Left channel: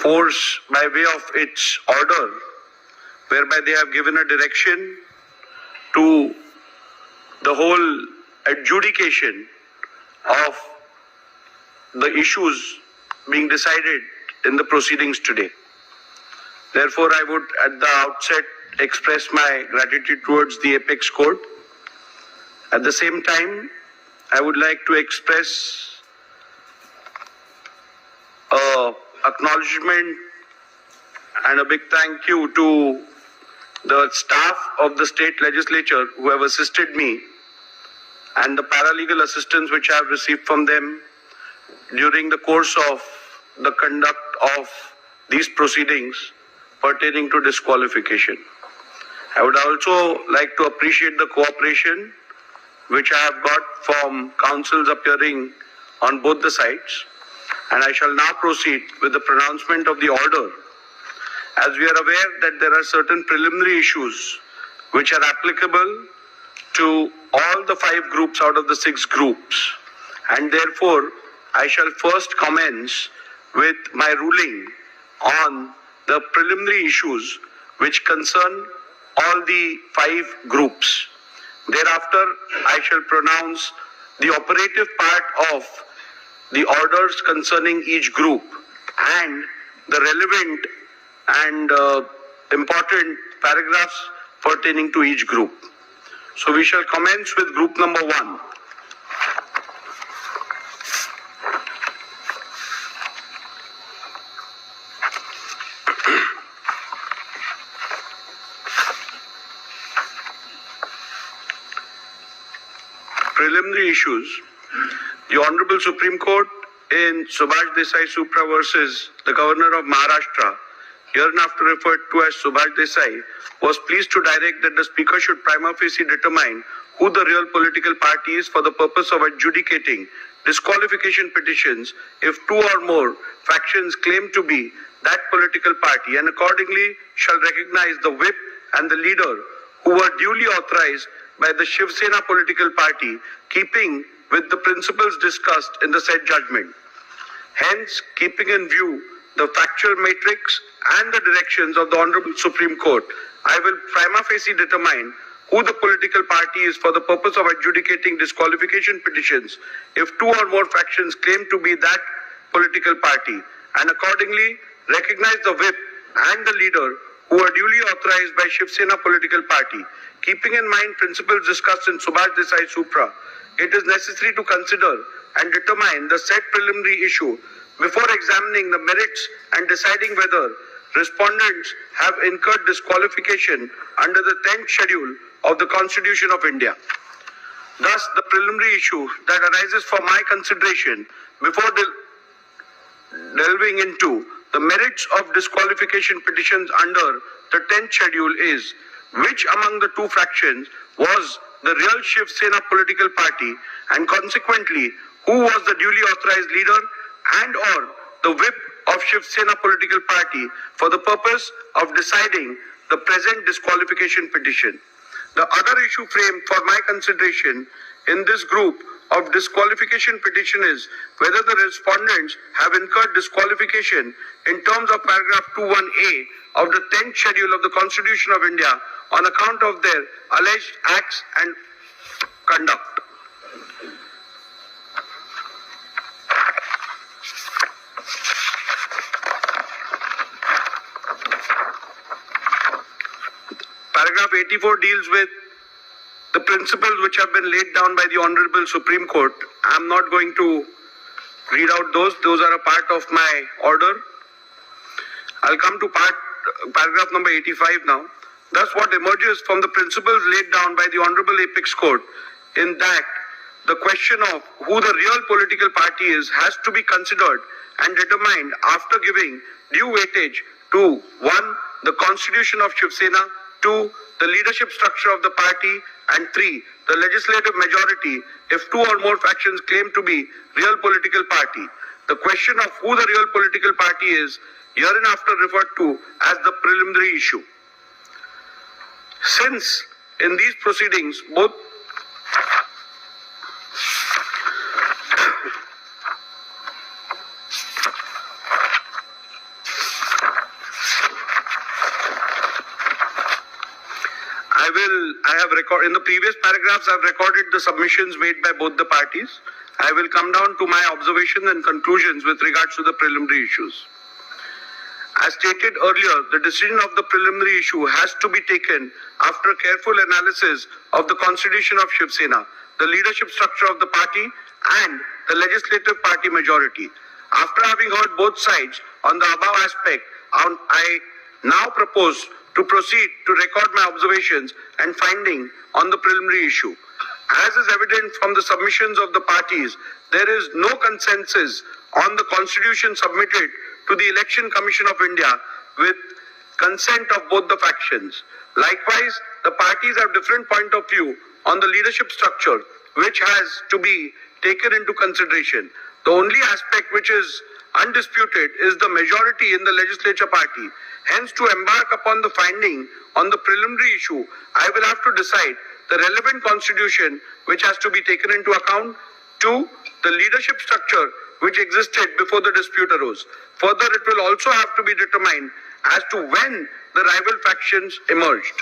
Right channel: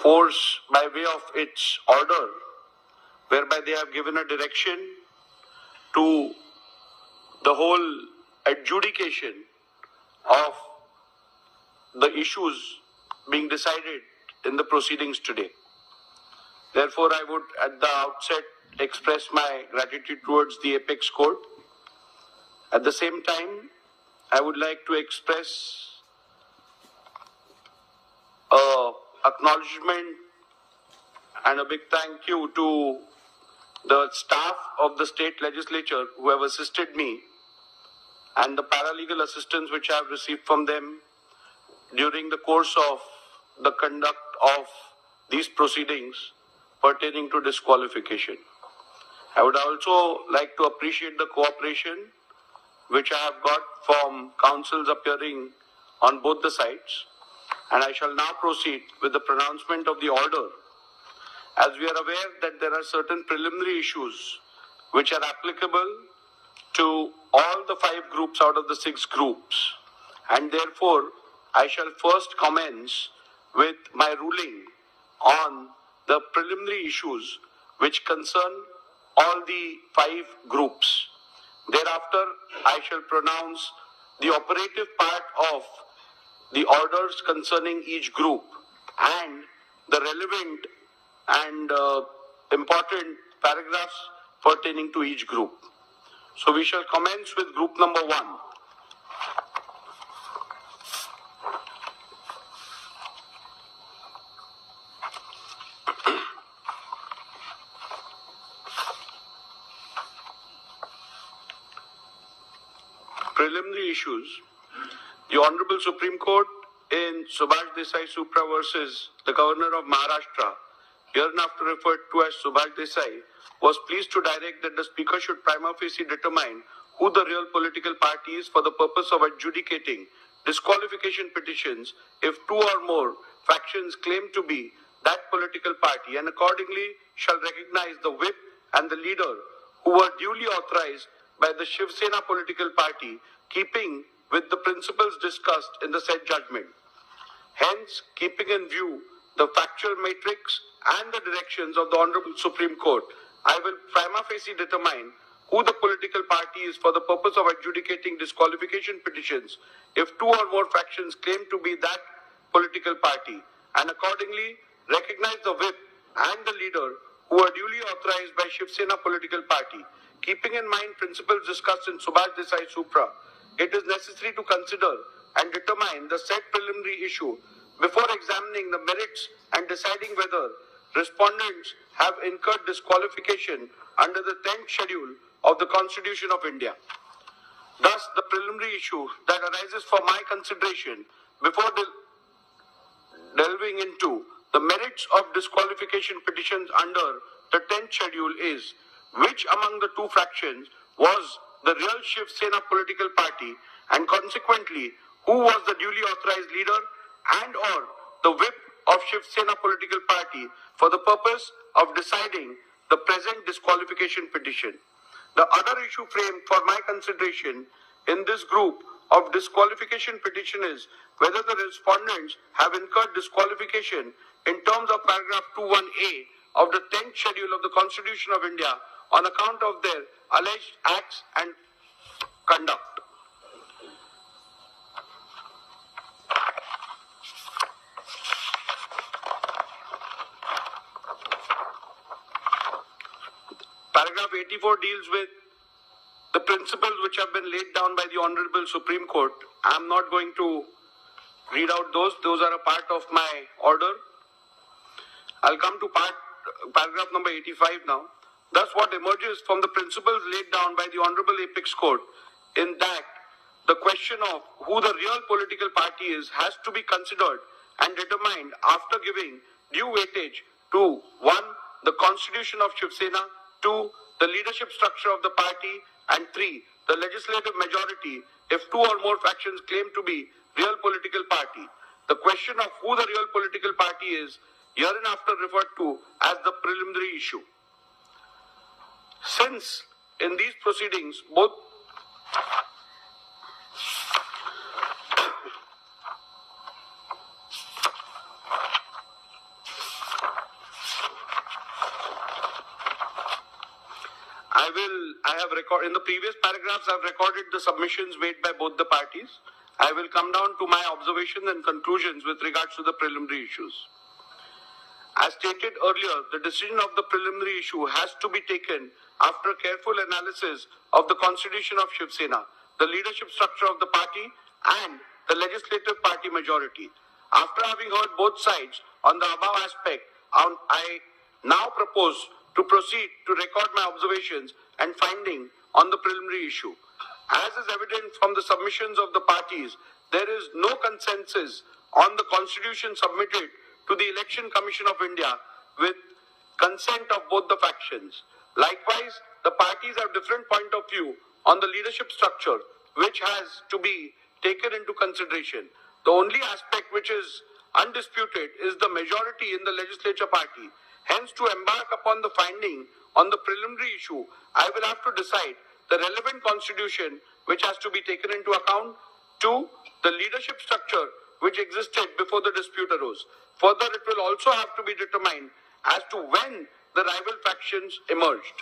force by way of its order, whereby they have given a direction to the whole adjudication of the issues being decided in the proceedings today. Therefore, I would at the outset express my gratitude towards the Apex Court. At the same time, I would like to express acknowledgement and a big thank you to the staff of the state legislature who have assisted me and the paralegal assistance which I have received from them during the course of the conduct of these proceedings pertaining to disqualification. I would also like to appreciate the cooperation which I have got from counsels appearing on both the sides, and I shall now proceed with the pronouncement of the order. As we are aware that there are certain preliminary issues which are applicable to all the 5 groups out of the 6 groups, and therefore I shall first commence with my ruling on the preliminary issues which concern all the 5 groups. Thereafter, I shall pronounce the operative part of the orders concerning each group and the relevant and important paragraphs pertaining to each group. So we shall commence with group number 1. Preliminary issues. The Honorable Supreme Court in Subhash Desai Supra versus the Governor of Maharashtra, hereinafter referred to as Subhash Desai, was pleased to direct that the Speaker should prima facie determine who the real political party is for the purpose of adjudicating disqualification petitions if 2 or more factions claim to be that political party, and accordingly shall recognize the whip and the leader who were duly authorized by the Shiv Sena political party, keeping with the principles discussed in the said judgment. Hence, keeping in view the factual matrix and the directions of the Honorable Supreme Court, I will prima facie determine who the political party is for the purpose of adjudicating disqualification petitions if 2 or more factions claim to be that political party, and accordingly recognize the whip and the leader who are duly authorized by Shiv Sena political party. Keeping in mind principles discussed in Subhash Desai Supra, it is necessary to consider and determine the said preliminary issue before examining the merits and deciding whether respondents have incurred disqualification under the 10th schedule of the Constitution of India. Thus, the preliminary issue that arises for my consideration before delving into the merits of disqualification petitions under the 10th schedule is, which among the 2 factions was the real Shiv Sena political party, and consequently who was the duly authorized leader and or the whip of Shiv Sena political party for the purpose of deciding the present disqualification petition. The other issue framed for my consideration in this group of disqualification petition is whether the respondents have incurred disqualification in terms of paragraph 21A of the 10th schedule of the Constitution of India on account of their alleged acts and conduct. Paragraph 84 deals with the principles which have been laid down by the Honorable Supreme Court. I am not going to read out those. Those are a part of my order. I'll come to paragraph number 85 now. Thus, what emerges from the principles laid down by the Honorable Apex Court in that the question of who the real political party is has to be considered and determined after giving due weightage to 1. The Constitution of Shiv Sena, 2. The leadership structure of the party, and 3. The legislative majority if 2 or more factions claim to be real political party. The question of who the real political party is hereinafter referred to as the preliminary issue. Since in these proceedings both I have recorded, in the previous paragraphs, I've recorded the submissions made by both the parties. I will come down to my observations and conclusions with regards to the preliminary issues. As stated earlier, the decision of the preliminary issue has to be taken after careful analysis of the constitution of Shiv Sena, the leadership structure of the party, and the legislative party majority. After having heard both sides on the above aspect, I now propose to proceed to record my observations and finding on the preliminary issue. As is evident from the submissions of the parties, there is no consensus on the constitution submitted to the Election Commission of India with consent of both the factions. Likewise, the parties have different point of view on the leadership structure, which has to be taken into consideration. The only aspect which is undisputed is the majority in the legislature party. Hence, to embark upon the finding on the preliminary issue, I will have to decide the relevant constitution which has to be taken into account. 2, the leadership structure which existed before the dispute arose. Further, it will also have to be determined as to when the rival factions emerged.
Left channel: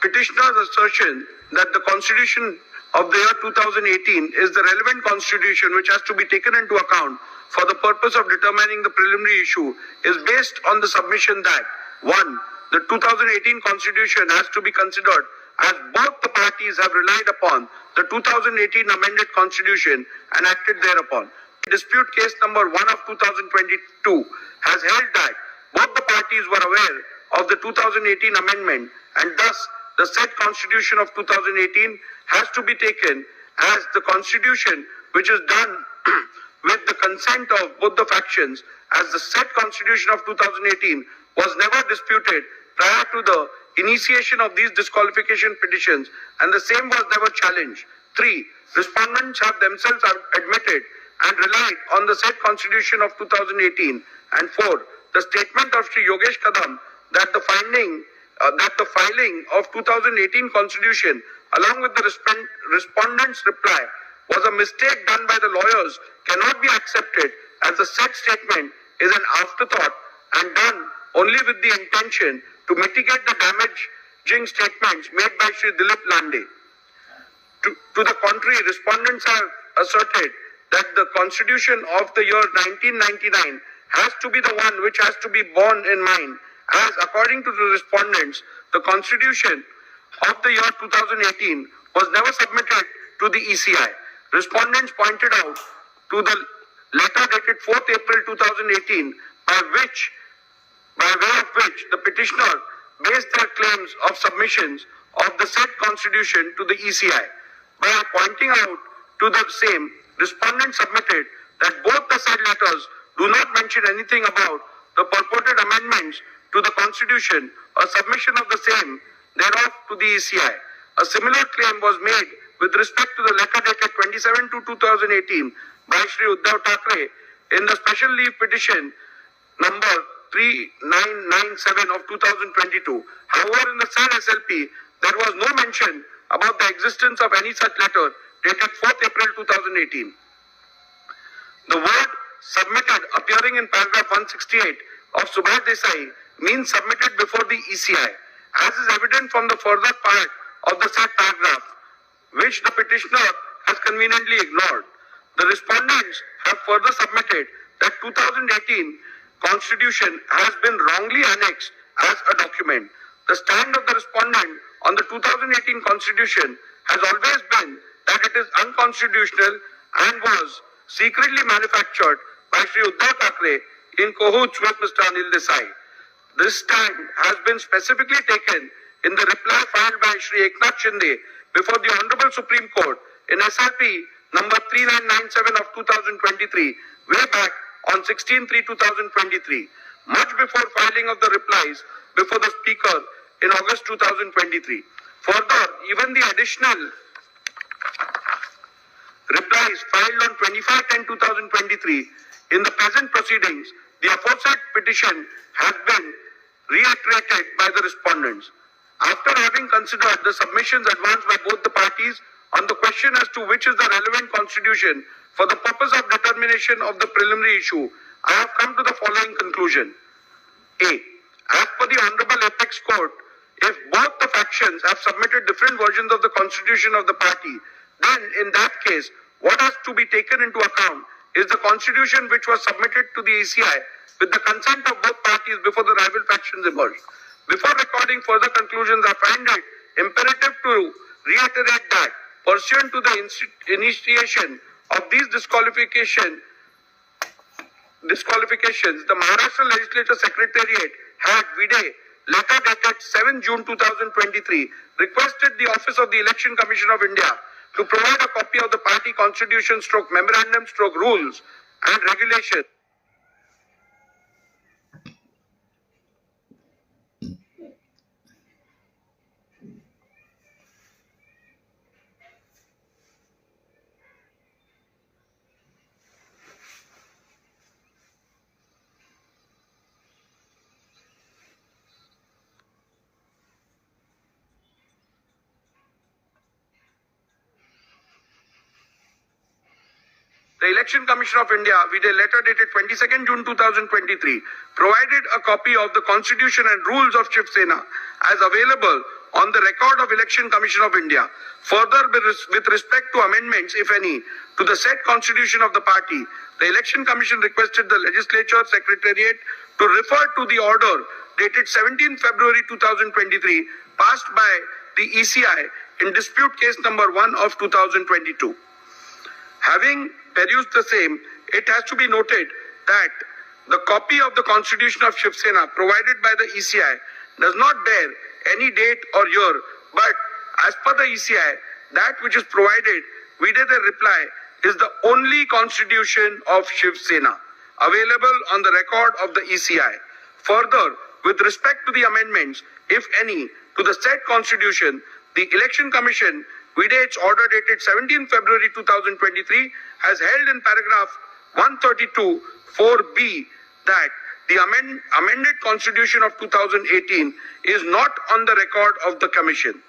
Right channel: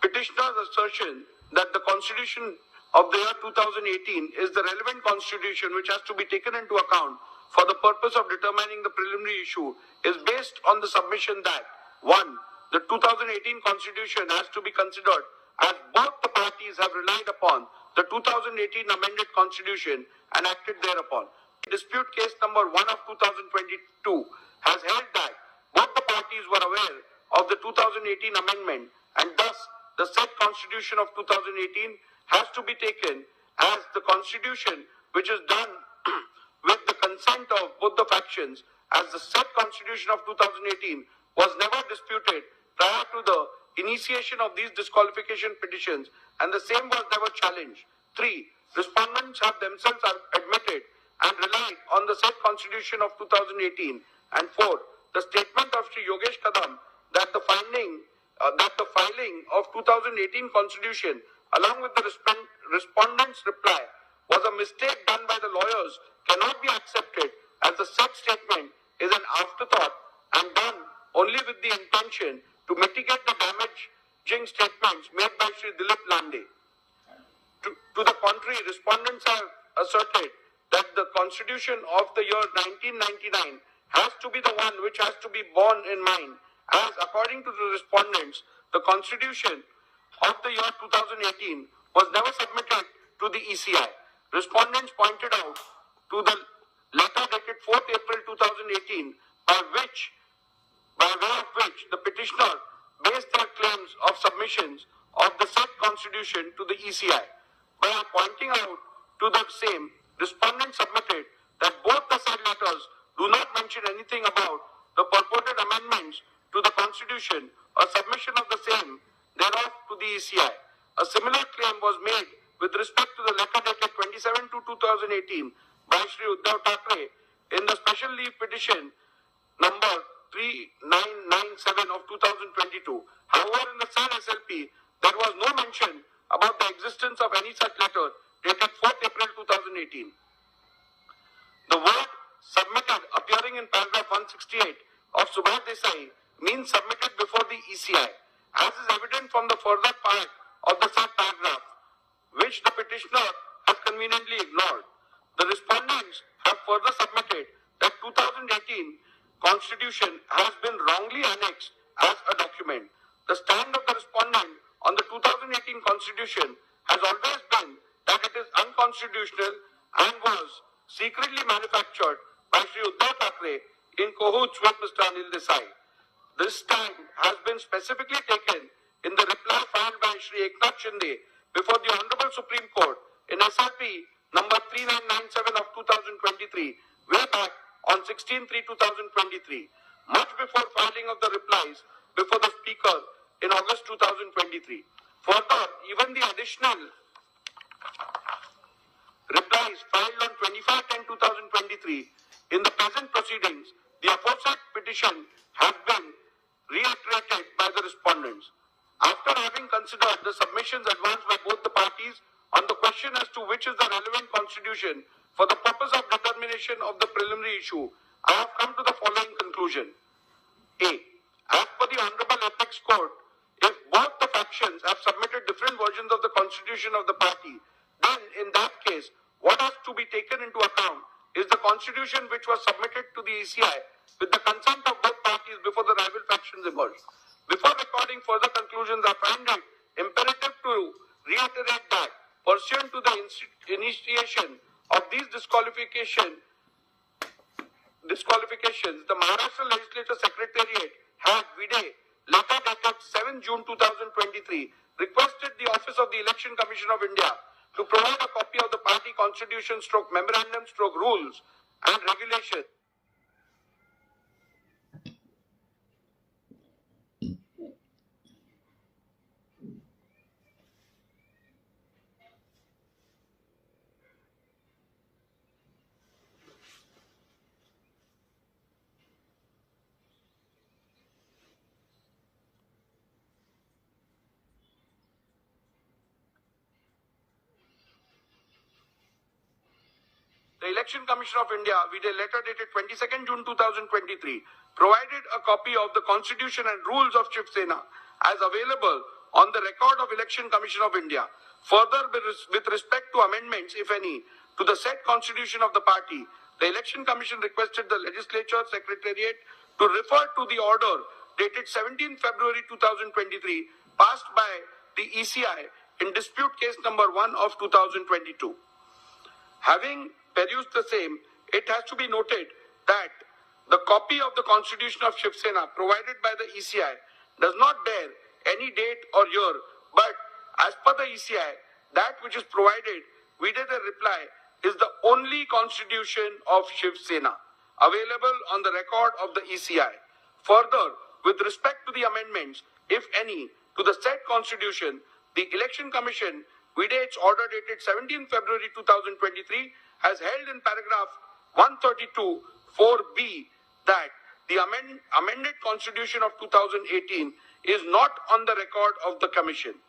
Petitioner's assertion that the constitution of the year 2018 is the relevant constitution which has to be taken into account for the purpose of determining the preliminary issue is based on the submission that 1. The 2018 constitution has to be considered as both the parties have relied upon the 2018 amended constitution and acted thereupon. Dispute case number 1 of 2022 has held that both the parties were aware of the 2018 amendment, and thus the said constitution of 2018 has to be taken as the constitution which is done with the consent of both the factions, as the said constitution of 2018 was never disputed prior to the initiation of these disqualification petitions, and the same was never challenged. 3. Respondents have themselves admitted and relied on the said constitution of 2018. And 4. The statement of Sri Yogesh Kadam that the filing of 2018 constitution along with the respondent's reply was a mistake done by the lawyers cannot be accepted, as the said statement is an afterthought and done only with the intention to mitigate the damaging statements made by Sri Dilip Lande. To the contrary, respondents have asserted that the constitution of the year 1999 has to be the one which has to be borne in mind, as according to the respondents, the constitution of the year 2018 was never submitted to the ECI. Respondents pointed out to the letter dated 4th April 2018 by way of which the petitioner based their claims of submissions of the said constitution to the ECI. By pointing out to the same, respondents submitted that both the said letters do not mention anything about the purported amendments to the constitution or submission of the same thereof to the ECI. A similar claim was made with respect to the letter dated 27/2/2018 by Shri Uddhav Thackeray in the special leave petition number 3997 of 2022. However, in the said SLP, there was no mention about the existence of any such letter dated 4th April 2018. The word submitted appearing in paragraph 168 of Subhash Desai means submitted before the ECI, as is evident from the further part of the said paragraph, which the petitioner has conveniently ignored. The respondents have further submitted that 2018 Constitution has been wrongly annexed as a document. The stand of the respondent on the 2018 Constitution has always been that it is unconstitutional and was secretly manufactured by Shri Uddhav Thackeray in cahoots with Mr. Anil Desai. This stand has been specifically taken in the reply filed by Shri Eknath Shinde before the Honorable Supreme Court in SLP number 3997 of 2023, way back on 16/3/2023, much before filing of the replies before the Speaker in August 2023. Further, even the additional replies filed on 25/10/2023 in the present proceedings, the aforesaid petition has been reiterated by the respondents. After having considered the submissions advanced by both the parties on the question as to which is the relevant constitution for the purpose of determination of the preliminary issue, I have come to the following conclusion. A. As per the Honorable Apex Court, if both the factions have submitted different versions of the constitution of the party, then in that case, what has to be taken into account is the constitution which was submitted to the ECI with the consent of both parties before the rival factions emerged. Before recording further conclusions, I find it imperative to reiterate that, pursuant to the initiation of these disqualifications, the Maharashtra Legislature Secretariat had vide letter dated 7 June 2023 requested the Office of the Election Commission of India to provide a copy of the party constitution / memorandum / rules and regulations. The Election Commission of India, with a letter dated 22nd June 2023, provided a copy of the Constitution and rules of Shiv Sena as available on the record of Election Commission of India. Further, with respect to amendments, if any, to the said Constitution of the party, the Election Commission requested the Legislature Secretariat to refer to the order dated 17 February 2023, passed by the ECI in dispute case number 1 of 2022. Having perused the same, it has to be noted that the copy of the Constitution of Shiv Sena provided by the ECI does not bear any date or year, but as per the ECI, that which is provided within the reply is the only Constitution of Shiv Sena available on the record of the ECI. Further, with respect to the amendments, if any, to the said Constitution, the Election Commission, with its order dated 17 February 2023, has held in paragraph 132 4b that the amended Constitution of 2018 is not on the record of the Commission.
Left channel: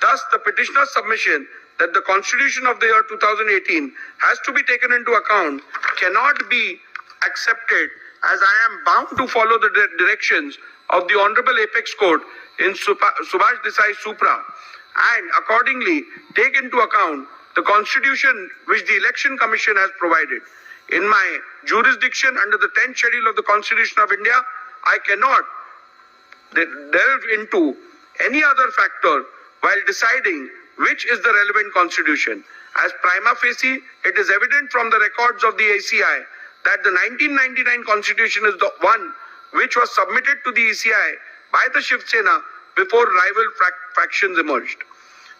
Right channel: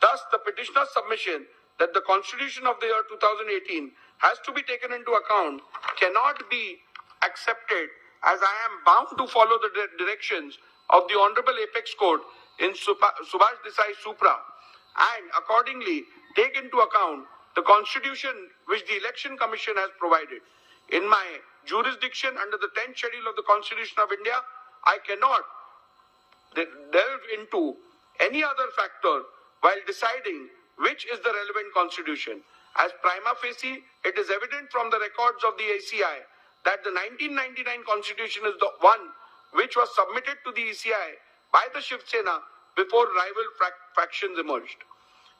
Thus, the petitioner's submission that the Constitution of the year 2018 has to be taken into account cannot be accepted, as I am bound to follow the directions of the Honorable Apex Court in Subhash Desai Supra, and accordingly take into account the Constitution which the Election Commission has provided. In my jurisdiction under the 10th schedule of the Constitution of India, I cannot delve into any other factor while deciding which is the relevant constitution. As prima facie, it is evident from the records of the ACI that the 1999 Constitution is the one which was submitted to the ECI by the Shiv Sena before rival factions emerged.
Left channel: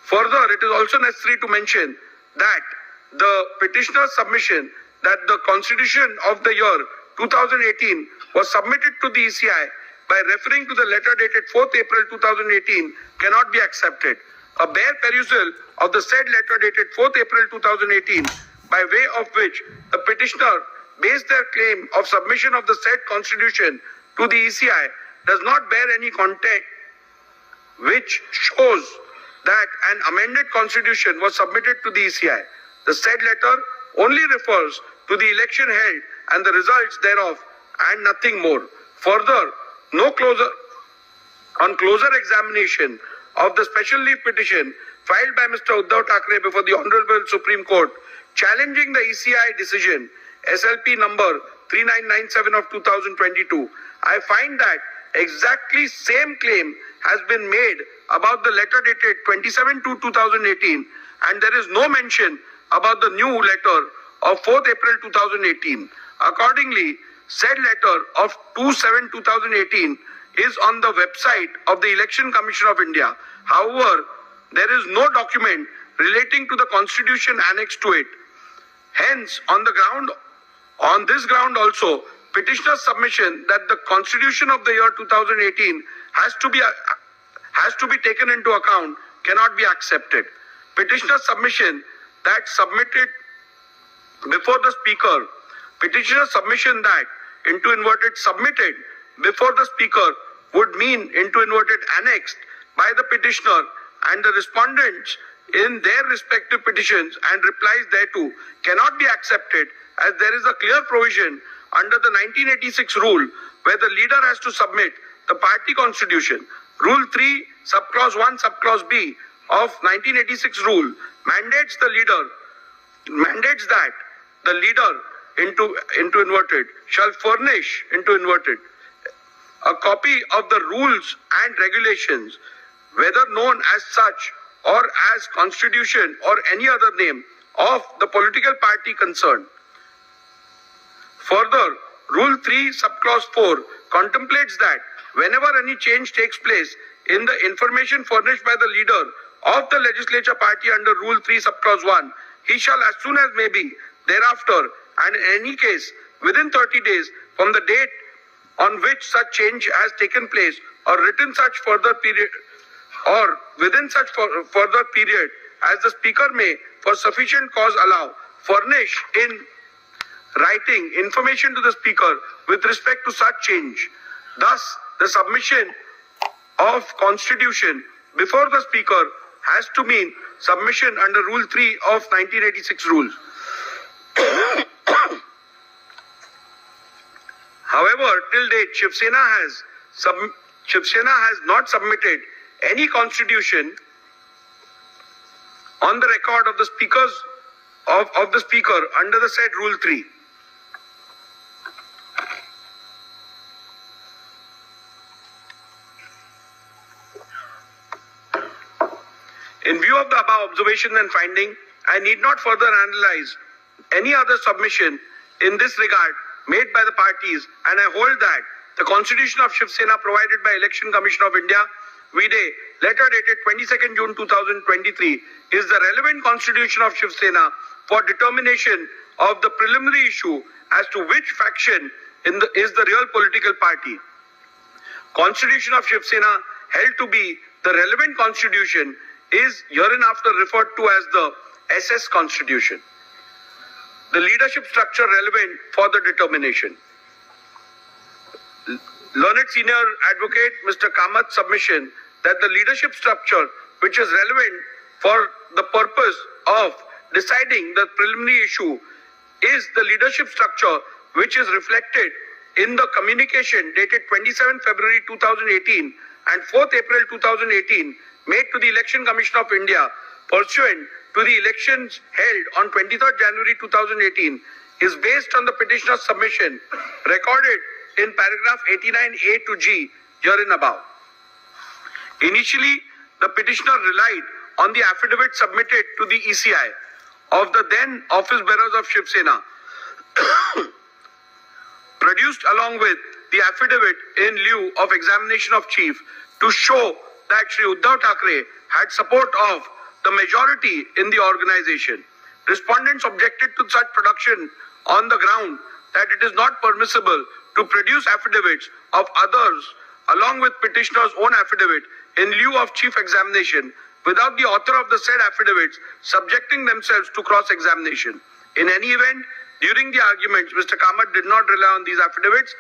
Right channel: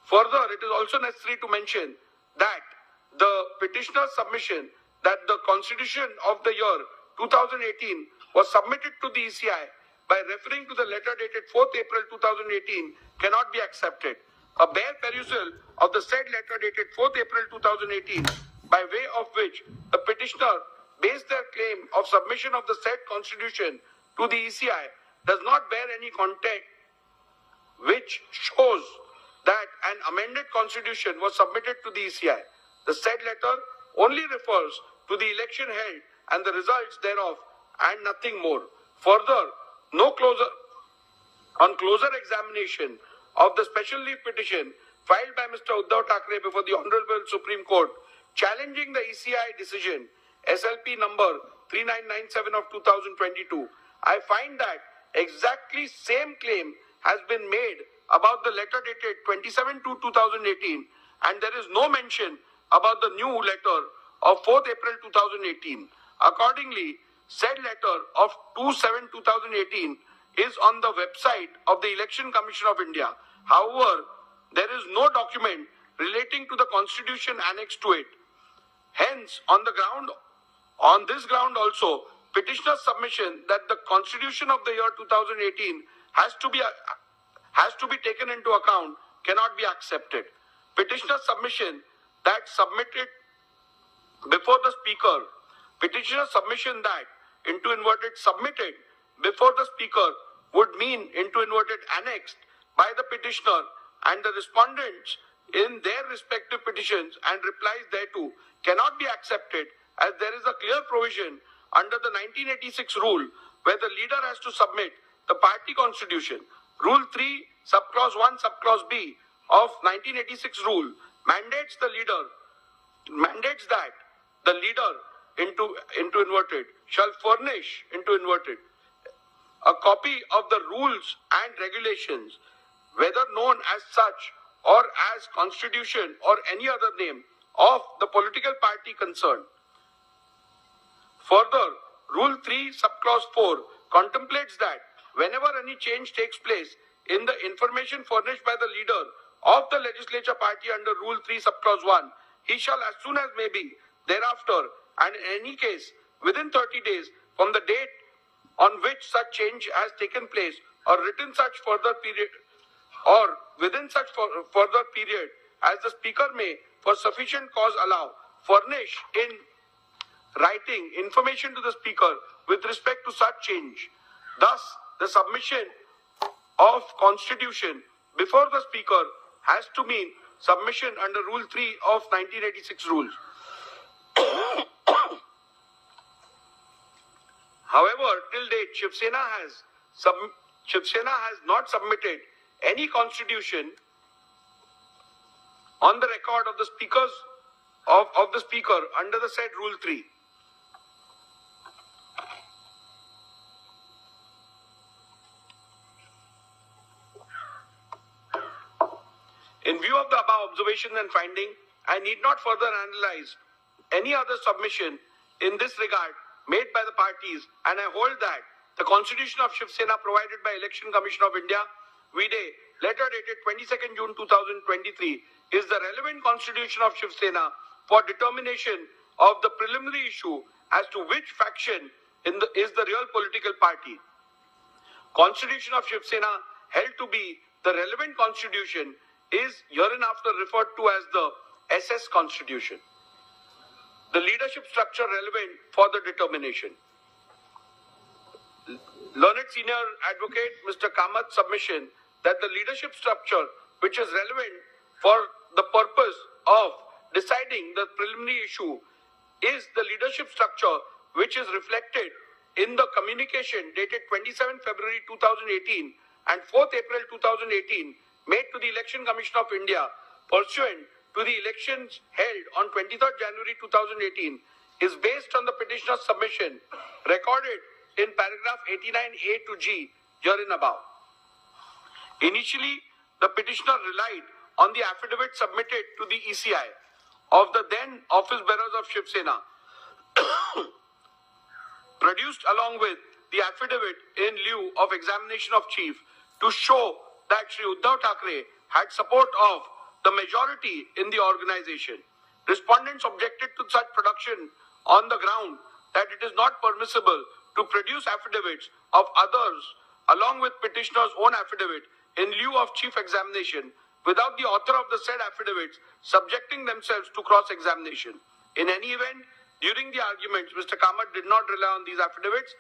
Further, it is also necessary to mention that the petitioner's submission that the Constitution of the year 2018 was submitted to the ECI by referring to the letter dated 4th April 2018 cannot be accepted. A bare perusal of the said letter dated 4th April 2018, by way of which the petitioner based their claim of submission of the said Constitution to the ECI, does not bear any context which shows that an amended Constitution was submitted to the ECI. The said letter only refers to the election held and the results thereof, and nothing more. Further, on closer examination of the special leave petition filed by Mr. Uddhav Thackeray before the Honorable Supreme Court, challenging the ECI decision SLP number 3997 of 2022, I find that exactly same claim has been made about the letter dated 27/2/2018, and there is no mention about the new letter of 4th April 2018. Accordingly, said letter of 2/7/2018 is on the website of the Election Commission of India. However, there is no document relating to the Constitution annexed to it. Hence, on this ground also, petitioner's submission that the Constitution of the year 2018 has to be taken into account cannot be accepted. Petitioner's submission that submitted before the Speaker, petitioner's submission that submitted before the Speaker would mean annexed by the petitioner and the respondents in their respective petitions and replies thereto cannot be accepted, as there is a clear provision under the 1986 rule where the leader has to submit the party constitution. Rule 3, subclause 1, subclause B of 1986 rule mandates that the leader into inverted shall furnish into inverted a copy of the rules and regulations, whether known as such or as constitution or any other name, of the political party concerned. Further, Rule 3, subclause 4 contemplates that whenever any change takes place in the information furnished by the leader of the legislature party under Rule 3, subclause 1, he shall as soon as may be thereafter, and in any case within 30 days from the date on which such change has taken place, or written such further period, or within such further period as the Speaker may, for sufficient cause allow, furnish in writing information to the Speaker with respect to such change. Thus, the submission of Constitution before the Speaker has to mean submission under Rule 3 of 1986 rules. However, till date, Shiv Sena has not submitted any constitution on the record of the speakers of the Speaker under the said Rule 3. In view of the above observations and finding, I need not further analyze any other submission in this regard made by the parties, and I hold that the Constitution of Shiv Sena provided by Election Commission of India, VDA, letter dated 22nd June 2023, is the relevant Constitution of Shiv Sena for determination of the preliminary issue as to which faction is the real political party. Constitution of Shiv Sena held to be the relevant constitution is hereinafter referred to as the SS Constitution. The leadership structure relevant for the determination. Learned Senior Advocate Mr. Kamath's submission that the leadership structure which is relevant for the purpose of deciding the preliminary issue is the leadership structure which is reflected in the communication dated 27 February 2018 and 4th April 2018 made to the Election Commission of India pursuant to the elections held on 23rd January 2018 is based on the petitioner's submission recorded in paragraph 89A to G herein above. Initially, the petitioner relied on the affidavit submitted to the ECI of the then office bearers of Shiv Sena, produced along with the affidavit in lieu of examination of chief to show that Shri Uddhav Thackeray had support of the majority in the organization. Respondents objected to such production on the ground that it is not permissible to produce affidavits of others along with petitioner's own affidavit in lieu of chief examination without the author of the said affidavits subjecting themselves to cross-examination. In any event, during the arguments, Mr. Kamath did not rely on these affidavits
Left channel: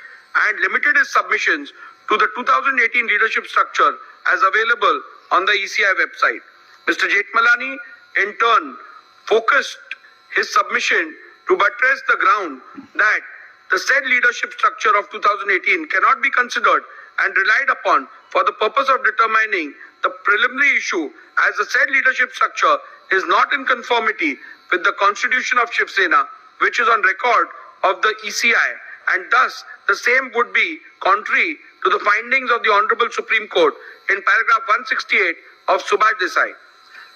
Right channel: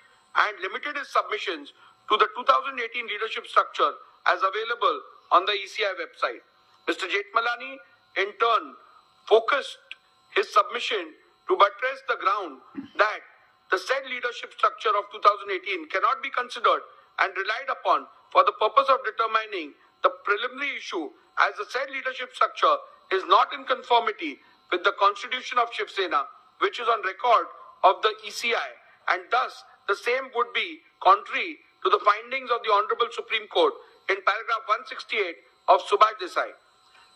and limited his submissions to the 2018 leadership structure as available on the ECI website. Mr. Jethmalani, in turn, focused his submission to buttress the ground that the said leadership structure of 2018 cannot be considered and relied upon for the purpose of determining the preliminary issue, as the said leadership structure is not in conformity with the Constitution of Shiv Sena, which is on record of the ECI, and thus the same would be contrary to the findings of the Honorable Supreme Court in paragraph 168 of Subhash Desai.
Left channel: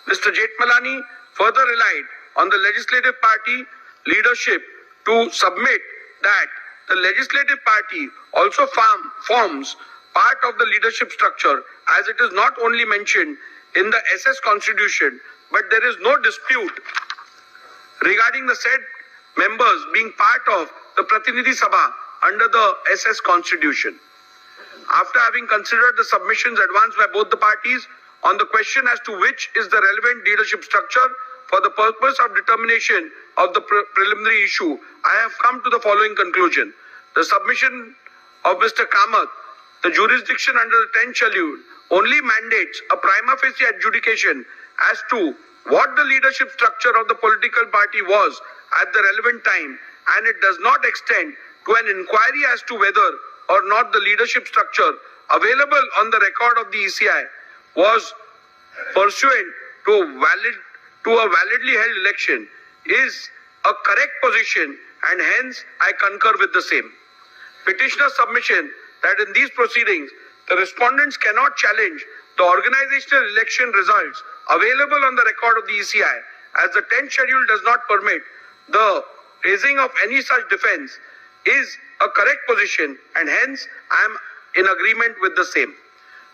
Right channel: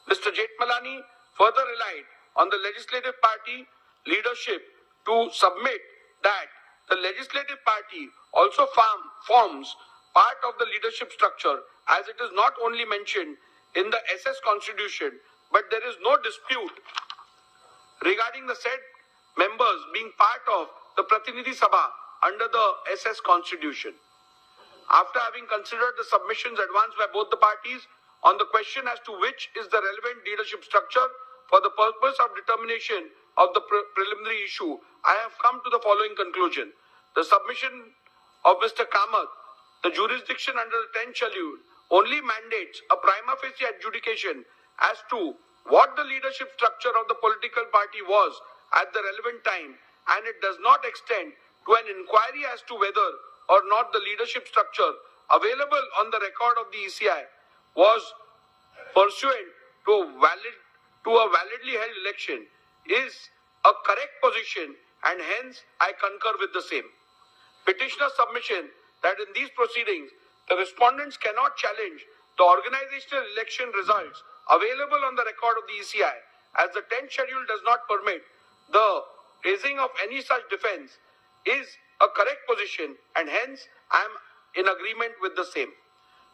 Mr. Jethmalani further relied on the legislative party leadership to submit that the legislative party also forms part of the leadership structure, as it is not only mentioned in the SS Constitution, but there is no dispute regarding the said members being part of the Pratinidhi Sabha under the SS Constitution. After having considered the submissions advanced by both the parties on the question as to which is the relevant leadership structure for the purpose of determination of the preliminary issue, I have come to the following conclusion. The submission of Mr. Kamath, the jurisdiction under the 10th schedule, only mandates a prima facie adjudication as to what the leadership structure of the political party was at the relevant time, and it does not extend to an inquiry as to whether or not the leadership structure available on the record of the ECI was pursuant to a validly held election is a correct position, and hence I concur with the same. Petitioner's submission that in these proceedings the respondents cannot challenge the organizational election results available on the record of the ECI, as the 10th schedule does not permit the raising of any such defense, is a correct position, and hence I am in agreement with the same.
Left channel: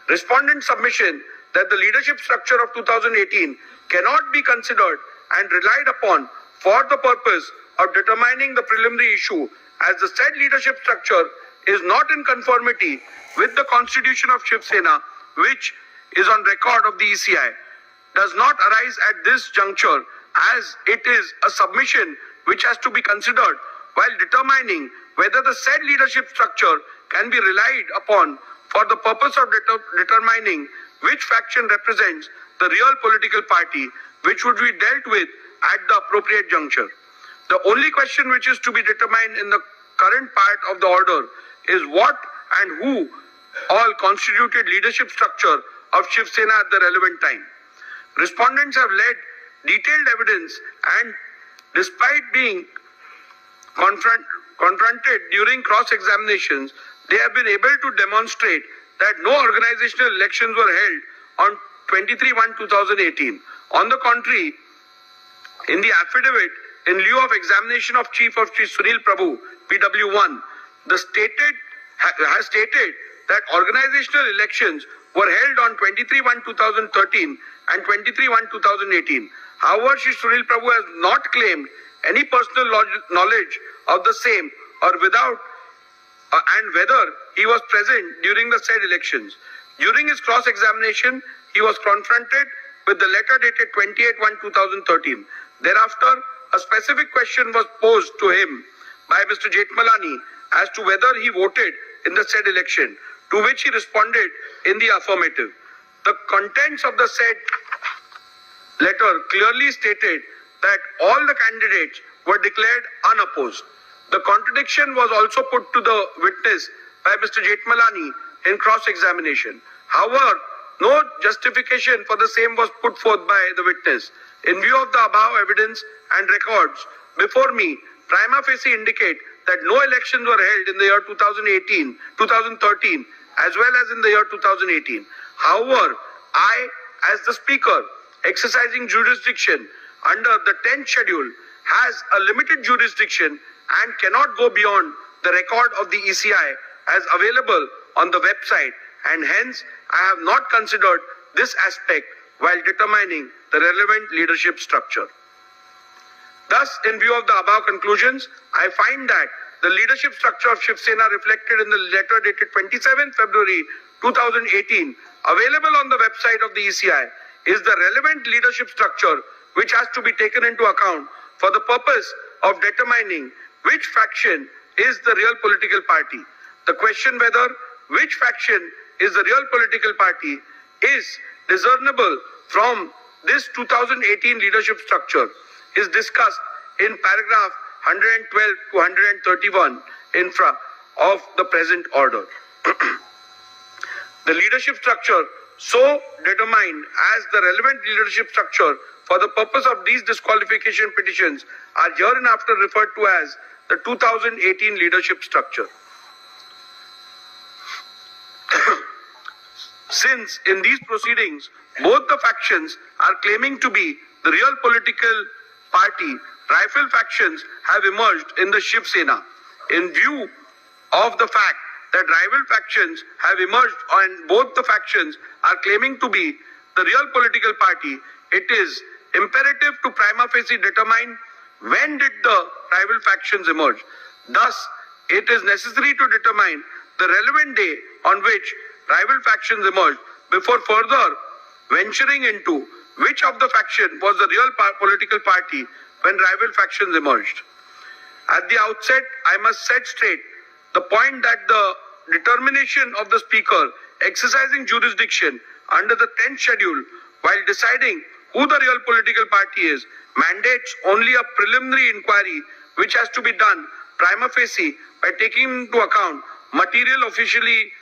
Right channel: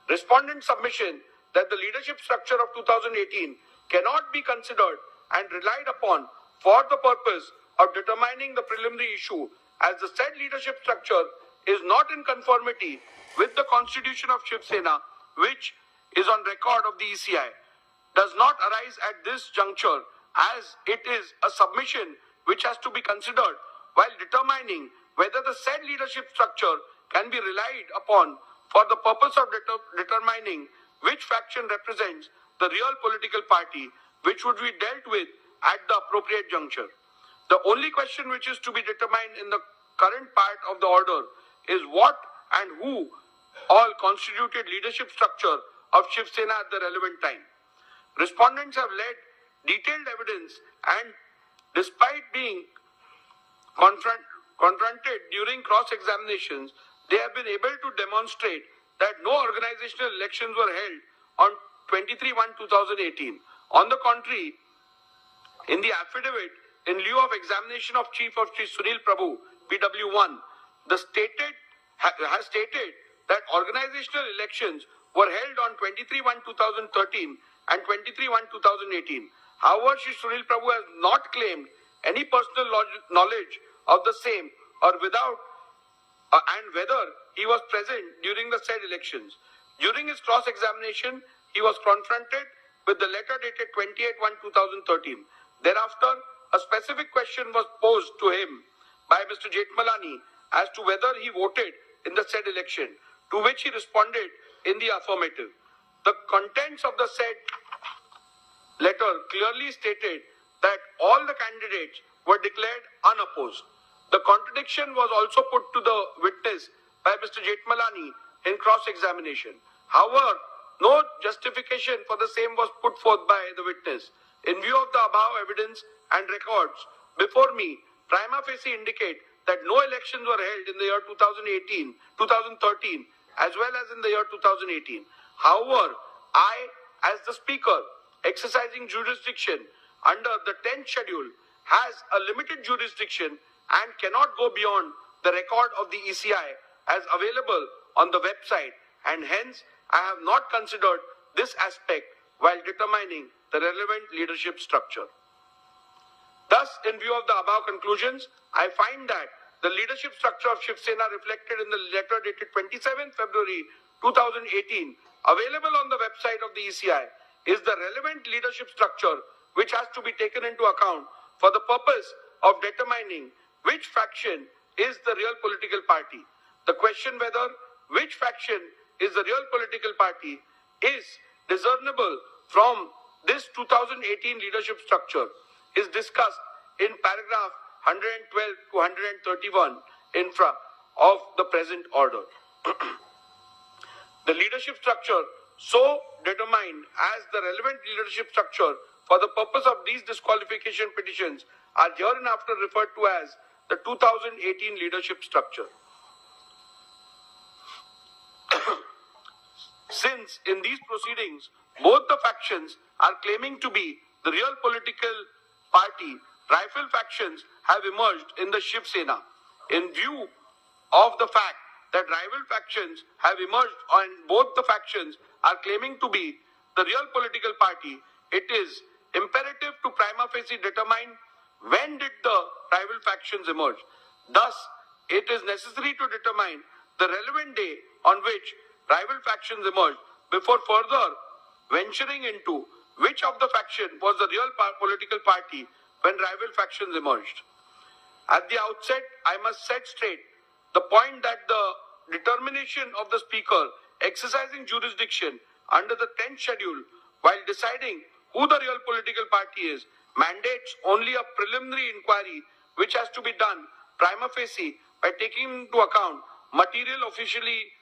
Respondent submission that the leadership structure of 2018 cannot be considered and relied upon for the purpose of determining the preliminary issue, as the said leadership structure is not in conformity with the constitution of Shiv Sena, which is on record of the ECI, does not arise at this juncture, as it is a submission which has to be considered while determining whether the said leadership structure can be relied upon for the purpose of determining which faction represents the real political party, which would be dealt with at the appropriate juncture. The only question which is to be determined in the current part of the order is what and who all constituted leadership structure of Shiv Sena at the relevant time. Respondents have led detailed evidence, and despite being confronted during cross-examinations, they have been able to demonstrate that no organizational elections were held on 23/1/2018. On the contrary, in the affidavit in lieu of examination of Chief of Shri Sunil Prabhu, PW1, has stated that organizational elections were held on 23/1/2013 and 23/1/2018. However, Shri Sunil Prabhu has not claimed any personal knowledge of the same or and whether he was present during the said elections. During his cross-examination, he was confronted with the letter dated 28/1/2013. Thereafter, a specific question was posed to him by Mr. Jethmalani as to whether he voted in the said election, to which he responded in the affirmative. The contents of the said letter clearly stated that all the candidates were declared unopposed. The contradiction was also put to the witness by Mr. Jethmalani in cross-examination. However, no justification for the same was put forth by the witness. In view of the above evidence and records before me, prima facie indicate that no elections were held in the year 2013, as well as in the year 2018. However, I, as the Speaker, exercising jurisdiction under the 10th schedule, has a limited jurisdiction and cannot go beyond the record of the ECI as available on the website, and hence I have not considered this aspect while determining the relevant leadership structure. Thus, in view of the above conclusions, I find that the leadership structure of Shiv Sena reflected in the letter dated 27 February 2018, available on the website of the ECI, is the relevant leadership structure which has to be taken into account for the purpose of determining which faction is the real political party. The question whether which faction is the real political party is discernible from this 2018 leadership structure is discussed in paragraph 112 to 131 infra of the present order. The leadership structure so determined as the relevant leadership structure for the purpose of these disqualification petitions are hereinafter referred to as the 2018 leadership structure. Since in these proceedings, both the factions are claiming to be the real political party, rival factions have emerged in the Shiv Sena. In view of the fact that rival factions have emerged and both the factions are claiming to be the real political party, it is imperative to prima facie determine when did the rival factions emerge. Thus, it is necessary to determine the relevant day on which rival factions emerged before further venturing into which of the faction was the real political party when rival factions emerged. At the outset, I must set straight the point that the determination of the Speaker exercising jurisdiction under the 10th schedule while deciding who the real political party is mandates only a preliminary inquiry which has to be done prima facie by taking into account material officially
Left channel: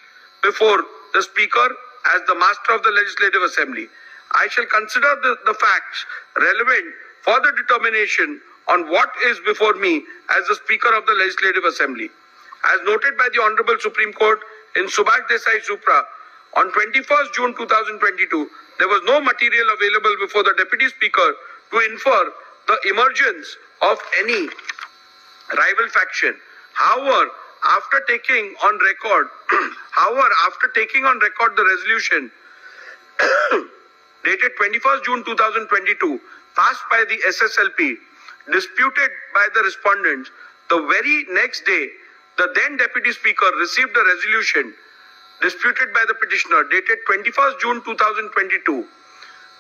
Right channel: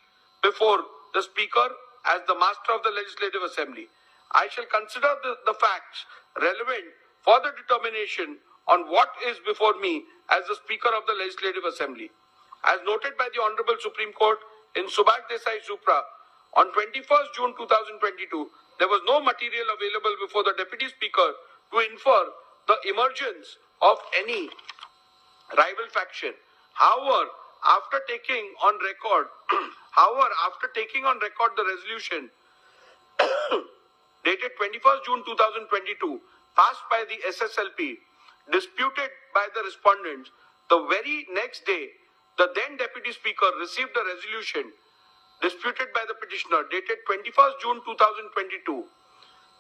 before the Speaker as the master of the Legislative Assembly. I shall consider the facts relevant for the determination on what is before me as the Speaker of the Legislative Assembly. As noted by the Honorable Supreme Court in Subhash Desai Supra, on 21st June 2022, there was no material available before the Deputy Speaker to infer the emergence of any rival faction. However, after taking on record the resolution dated 21st June 2022, passed by the SSLP, disputed by the respondents, the very next day, the then Deputy Speaker received a resolution disputed by the petitioner dated 21st June 2022,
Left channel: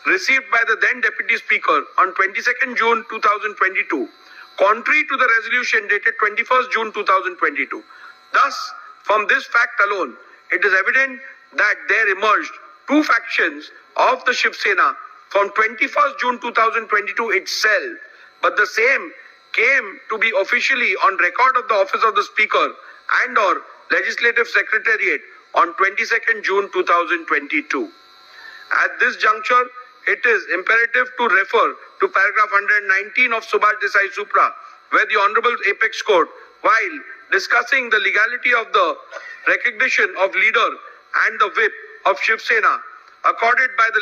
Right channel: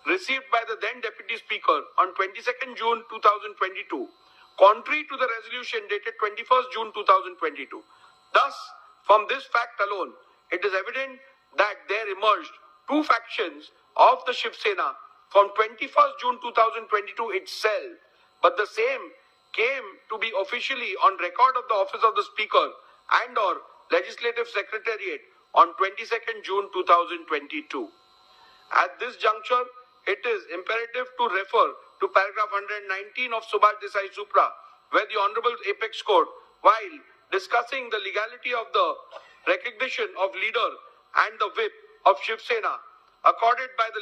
received by the then Deputy Speaker on 22nd June 2022, contrary to the resolution dated 21st June 2022. Thus, from this fact alone, it is evident that there emerged two factions of the Shiv Sena from 21st June 2022 itself, but the same came to be officially on record of the office of the Speaker and or Legislative Secretariat on 22nd June 2022. At this juncture, it is imperative to refer to paragraph 119 of Subhash Desai Supra, where the Honorable Apex Court, while discussing the legality of the recognition of leader and the whip of Shiv Sena, accorded by the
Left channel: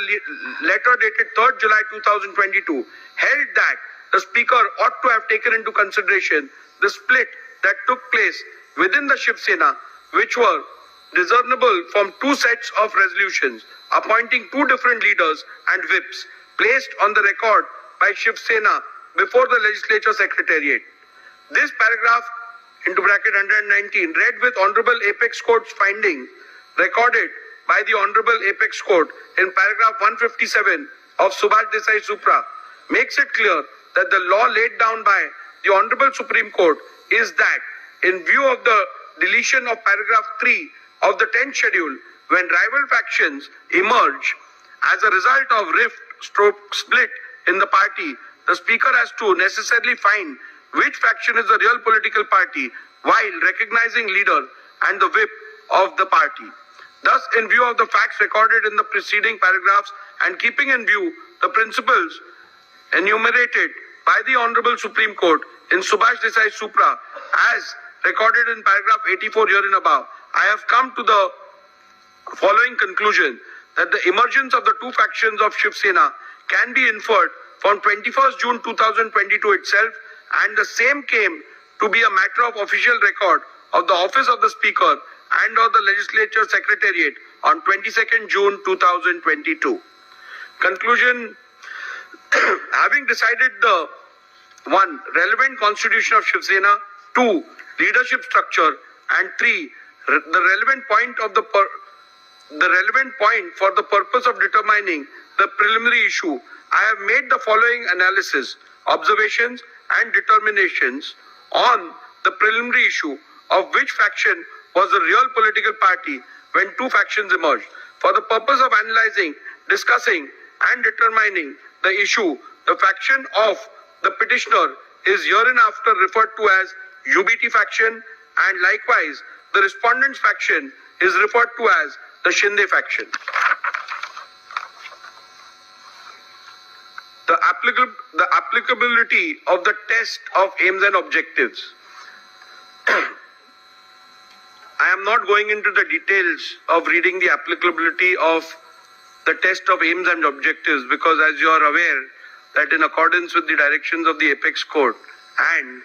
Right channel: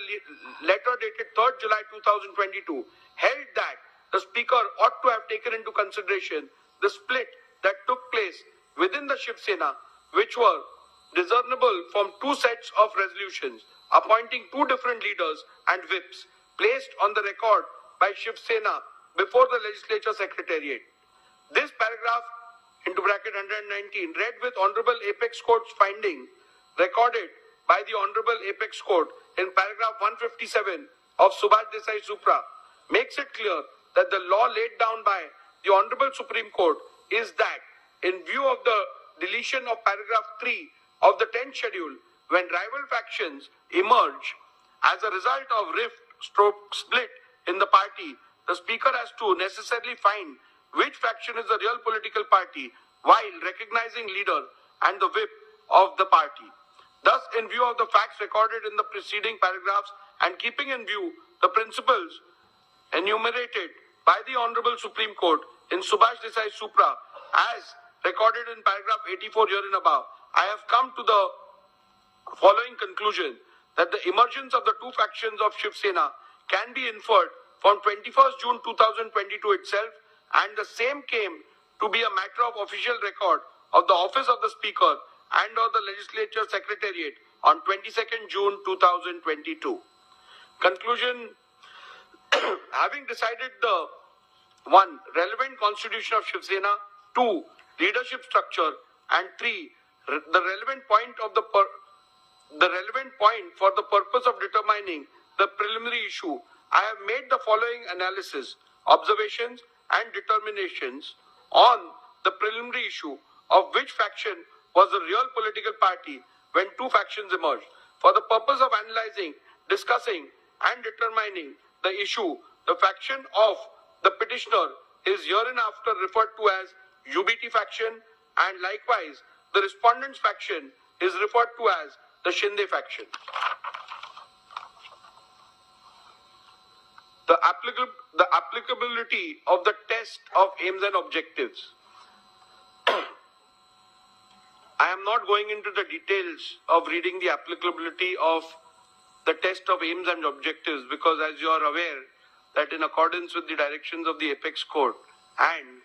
letter dated 3rd July 2022, held that the Speaker ought to have taken into consideration the split that took place within the Shiv Sena, which were discernible from two sets of resolutions appointing two different leaders and whips placed on the record by Shiv Sena before the Legislature Secretariat. This paragraph into bracket 119 read with Honorable Apex Court's finding recorded by the Honorable Apex Court in paragraph 157 of Subhash Desai Supra makes it clear that the law laid down by the Honorable Supreme Court is that in view of the deletion of paragraph 3 of the 10th schedule, when rival factions emerge as a result of rift/split in the party, the Speaker has to necessarily find which faction is the real political party while recognizing leader and the whip of the party. Thus, in view of the facts recorded in the preceding paragraphs and keeping in view the principles enumerated by the Honorable Supreme Court in Subhash Desai Supra as recorded in paragraph 84 herein above, I have come to the following conclusion that the emergence of the two factions of Shiv Sena can be inferred from 21st June 2022 itself, and the same came to be a matter of official record of the office of the Speaker and of the Legislature Secretariat on 22nd June 2022. Conclusion: having decided the 1. relevant constitution of Shiv Sena, 2. leadership structure, and 3. the relevant point for the purpose of determining the preliminary issue, I have made the following analysis, observations, and determinations on the preliminary issue of which faction was the real political party when two factions emerged. For the purpose of analyzing, discussing, and determining the issue, the faction of the petitioner is hereinafter referred to as UBT faction, and likewise the respondent's faction is referred to as the Shinde faction. The applicability of the test of aims and objectives. I am not going into the details of reading the applicability of the test of aims and objectives, because as you are aware that in accordance with the directions of the Apex Court and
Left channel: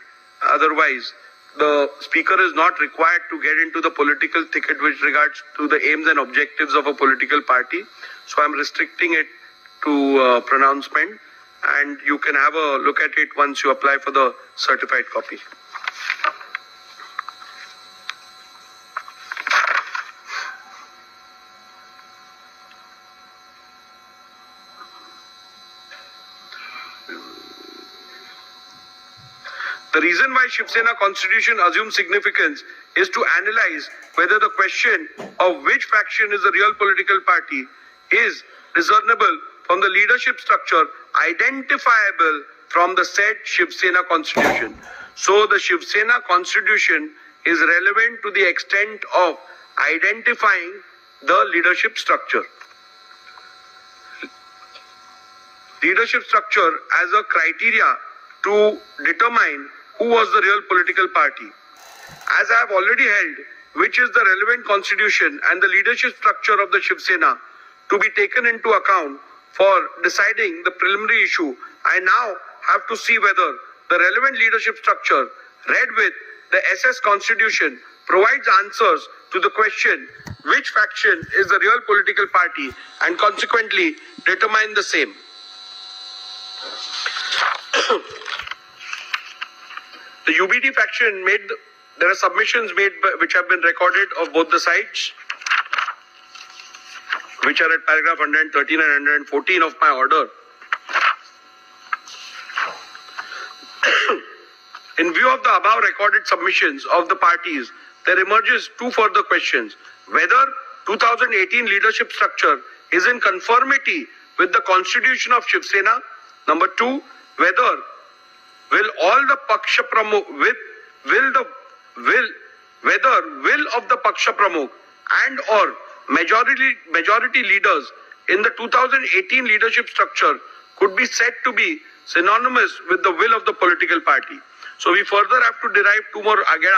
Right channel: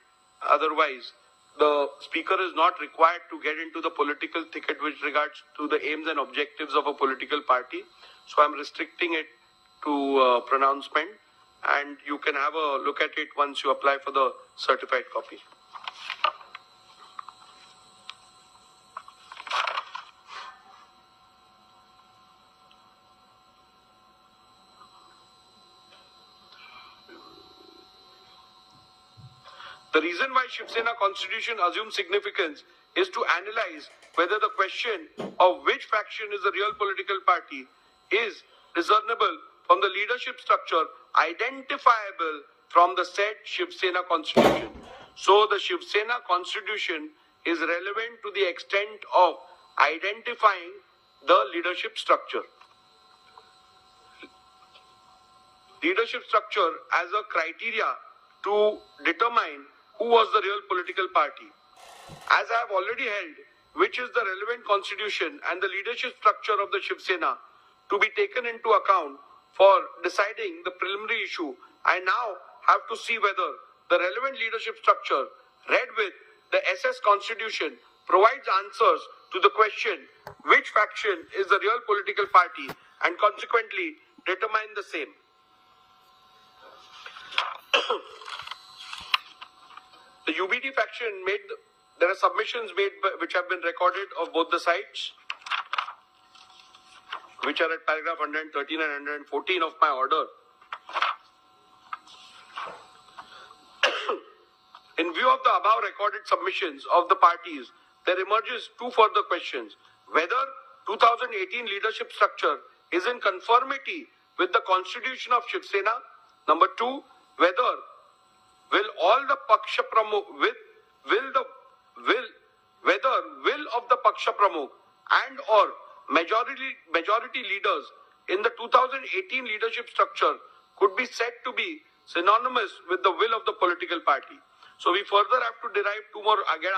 otherwise, the Speaker is not required to get into the political thicket with regards to the aims and objectives of a political party. So I am restricting it to pronouncement, and you can have a look at it once you apply for the certified copy. The reason why Shiv Sena constitution assumes significance is to analyze whether the question of which faction is the real political party is discernible from the leadership structure identifiable from the said Shiv Sena constitution. So the Shiv Sena constitution is relevant to the extent of identifying the leadership structure. Leadership structure as a criteria to determine who was the real political party. As I have already held, which is the relevant constitution and the leadership structure of the Shiv Sena to be taken into account for deciding the preliminary issue, I now have to see whether the relevant leadership structure read with the SS Constitution provides answers to the question which faction is the real political party and consequently determine the same. The UBD faction there are submissions made which have been recorded of both the sides, which are at paragraph 113 and 114 of my order. In view of the above recorded submissions of the parties, there emerges two further questions. Whether 2018 leadership structure is in conformity with the constitution of Shiv Sena. Number two, whether will all the Paksha Pramukh whether will of the Paksha Pramukh and or majority leaders in the 2018 leadership structure could be said to be synonymous with the will of the political party. So we further have to derive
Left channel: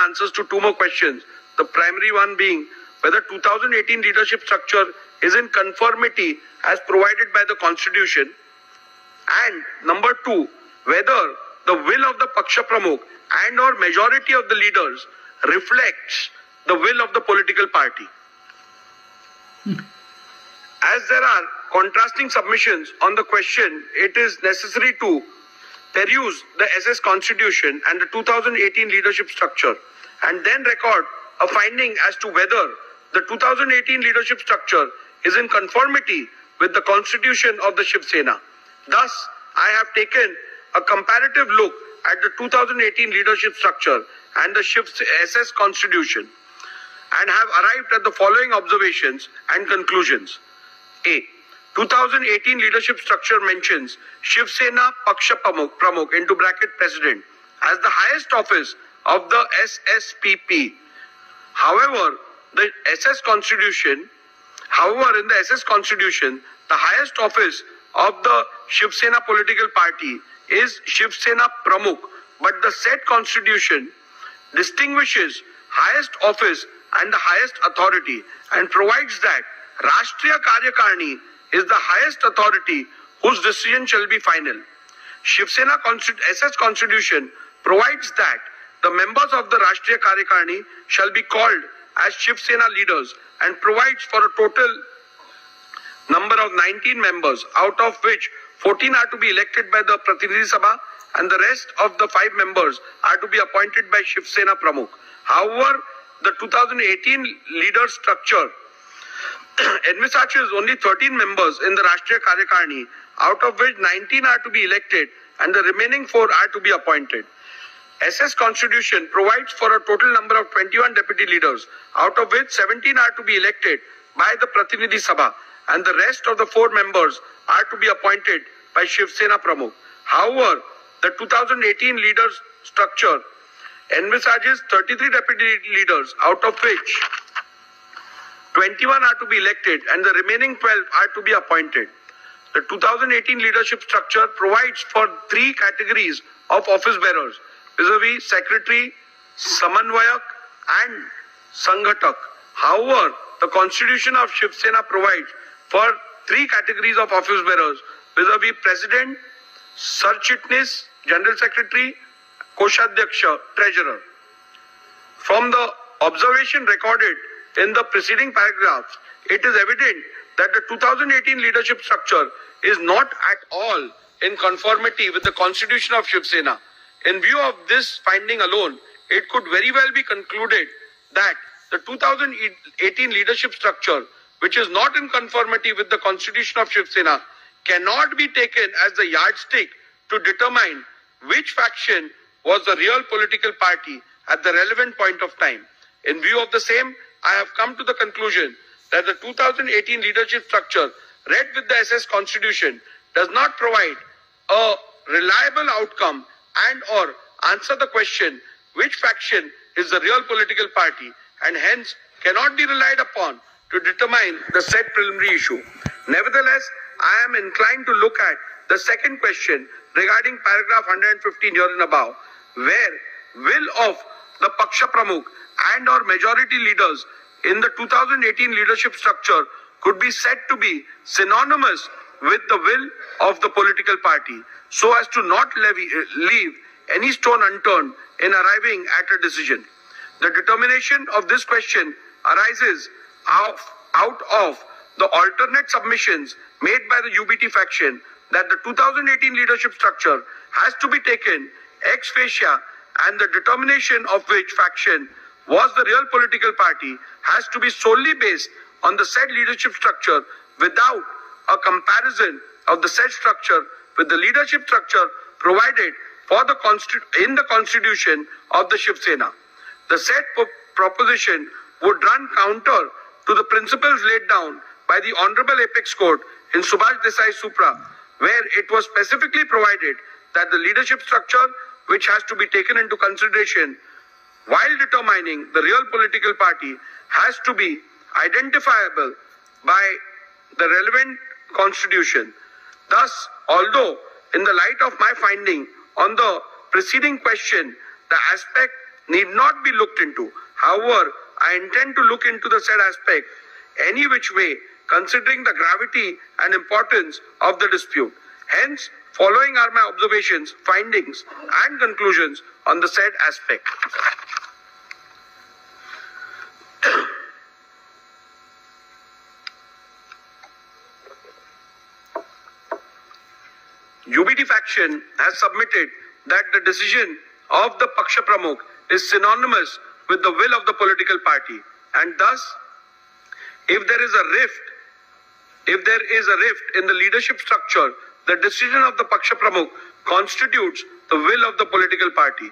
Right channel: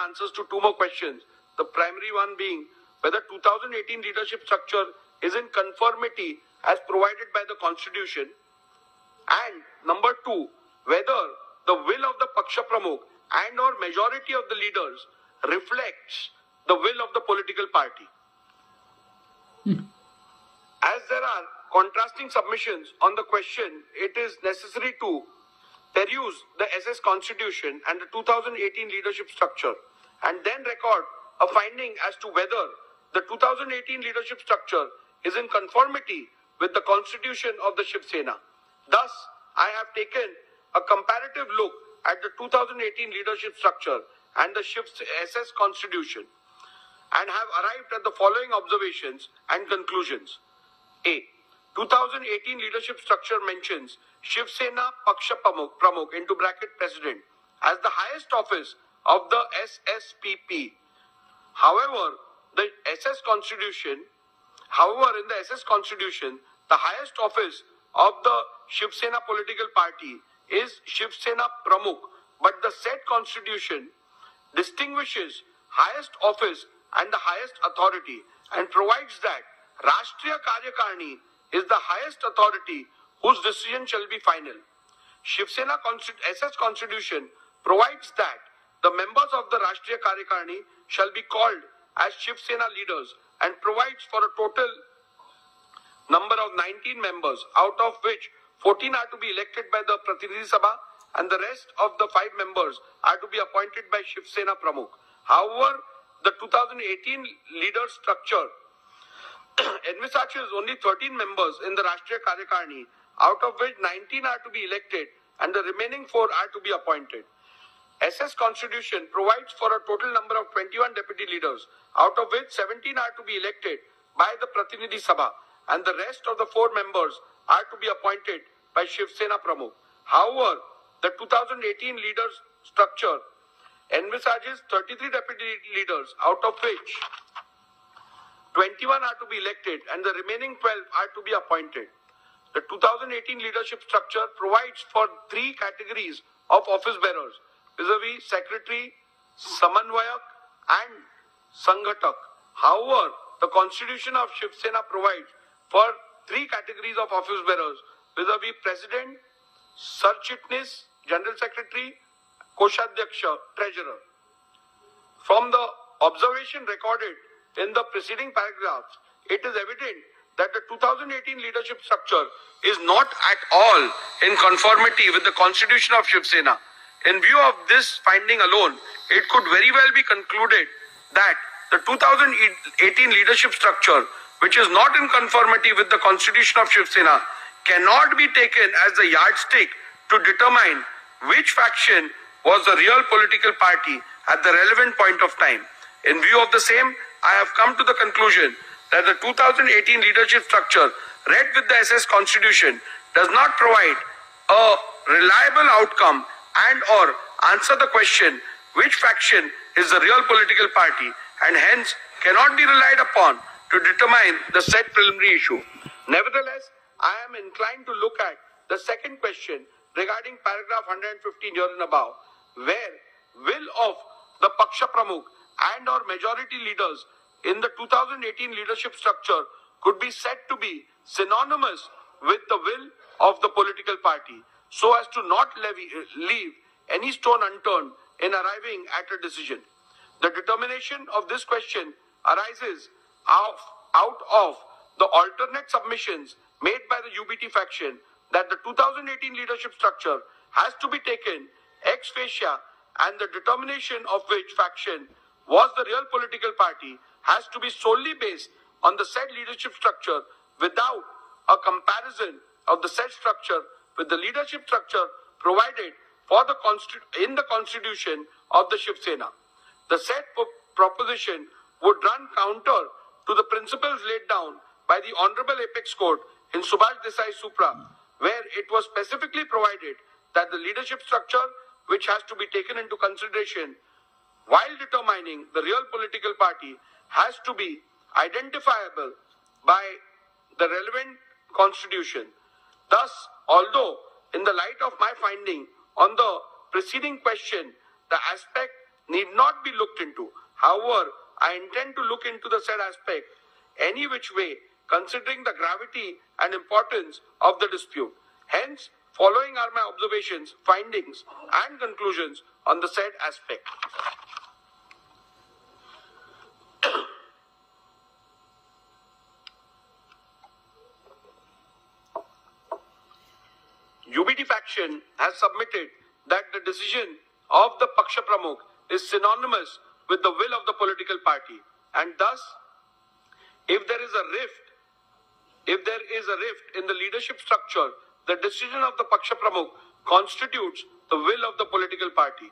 answers to two more questions. The primary one being whether 2018 leadership structure is in conformity as provided by the constitution, and number two, whether the will of the Paksha Pramukh and or majority of the leaders reflects the will of the political party. As there are contrasting submissions on the question, it is necessary to peruse the SS Constitution and the 2018 leadership structure and then record a finding as to whether the 2018 leadership structure is in conformity with the constitution of the Shiv Sena. Thus, I have taken a comparative look at the 2018 leadership structure and the SS Constitution and have arrived at the following observations and conclusions. A. 2018 leadership structure mentions Shiv Sena Paksha Pramukh into bracket president as the highest office of the SSPP. However, in the SS Constitution, the highest office of the Shiv Sena political party is Shiv Sena Pramukh, but the said constitution distinguishes highest office and the highest authority and provides that Rashtriya Karyakarni is the highest authority whose decision shall be final. Shiv Sena SS Constitution provides that the members of the Rashtriya Karyakarni shall be called as Shiv Sena leaders and provides for a total number of 19 members, out of which 14 are to be elected by the Pratinidhi Sabha and the rest of the 5 members are to be appointed by Shiv Sena Pramukh. However, the 2018 leader structure envisages only 13 members in the Rashtriya Karyakarni, out of which 19 are to be elected and the remaining 4 are to be appointed. SS Constitution provides for a total number of 21 deputy leaders, out of which 17 are to be elected by the Pratinidhi Sabha and the rest of the 4 members are to be appointed by Shiv Sena Pramukh. However, the 2018 leaders structure envisages 33 deputy leaders, out of which 21 are to be elected and the remaining 12 are to be appointed. The 2018 leadership structure provides for 3 categories of office bearers, vis-a-vis secretary, samanvayak and sanghatak. However, the constitution of Shiv Sena provides for 3 categories of office bearers, vis-a-vis president, Sarchitnis, general secretary, Koshadhyaksha, treasurer. From the observation recorded in the preceding paragraphs, it is evident that the 2018 leadership structure is not at all in conformity with the constitution of Shiv Sena. In view of this finding alone, it could very well be concluded that the 2018 leadership structure, which is not in conformity with the constitution of Shiv Sena, cannot be taken as a yardstick to determine which faction was the real political party at the relevant point of time. In view of the same, I have come to the conclusion that the 2018 leadership structure read with the SS Constitution does not provide a reliable outcome and or answer the question which faction is the real political party and hence cannot be relied upon to determine the said preliminary issue. Nevertheless, I am inclined to look at the second question regarding paragraph 115 here and above, where will of the Paksha Pramukh and or majority leaders in the 2018 leadership structure could be said to be synonymous with the will of the political party, so as to not leave any stone unturned in arriving at a decision. The determination of this question arises out of the alternate submissions made by the UBT faction that the 2018 leadership structure has to be taken ex facie, and the determination of which faction was the real political party has to be solely based on the said leadership structure without a comparison of the said structure with the leadership structure provided for in the constitution of the Shiv Sena. The said proposition would run counter to the principles laid down by the Honorable Apex Court in Subhash Desai Supra, where it was specifically provided that the leadership structure which has to be taken into consideration while determining the real political party has to be identifiable by the relevant constitution. Thus, although in the light of my finding on the preceding question, the aspect need not be looked into. However, I intend to look into the said aspect any which way, considering the gravity and importance of the dispute. Hence, following are my observations, findings, and conclusions on the said aspect. UBT faction has submitted that the decision of the Paksha Pramukh is synonymous with the will of the political party, and thus, if there is a rift in the leadership structure, the decision of the Paksha Pramukh constitutes the will of the political party.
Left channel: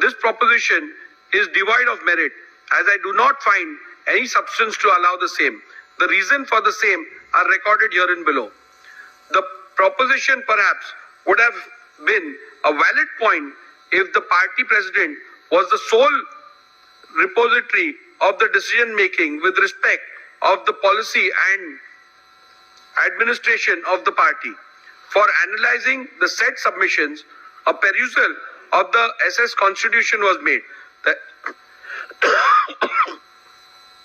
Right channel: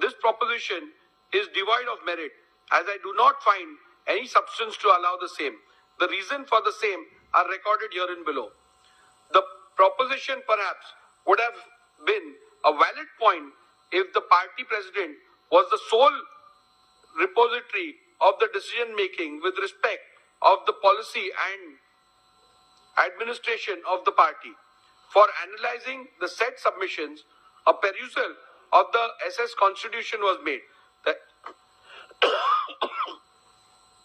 This proposition is devoid of merit, as I do not find any substance to allow the same. The reason for the same are recorded herein below. The proposition perhaps would have been a valid point if the party president was the sole repository of the decision making with respect of the policy and administration of the party. For analyzing the said submissions, a perusal of the SS Constitution was made.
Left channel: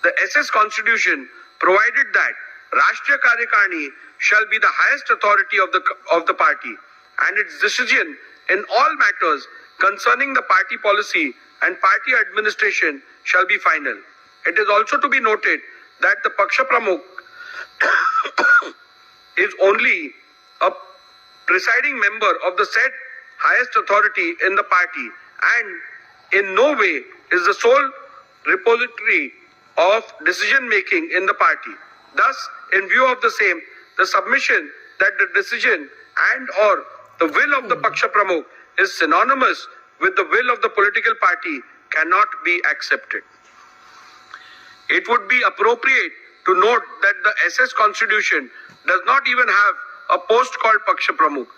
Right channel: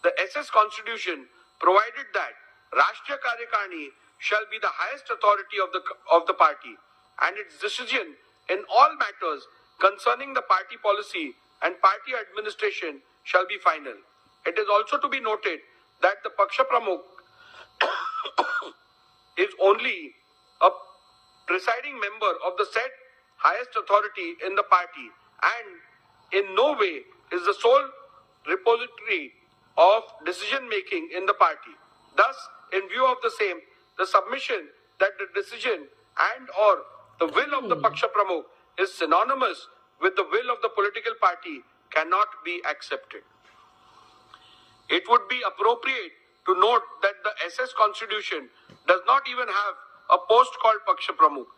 The SS Constitution provided that Rashtriya Karyakarni shall be the highest authority of the party, and its decision in all matters concerning the party policy and party administration shall be final. It is also to be noted that the Paksha Pramukh is only a presiding member of the said highest authority in the party, and in no way is the sole repository of decision making in the party. Thus, in view of the same, the submission that the decision and or the will of the Paksha Pramukh is synonymous with the will of the political party cannot be accepted. It would be appropriate to note that the SS Constitution does not even have a post called Paksha Pramukh.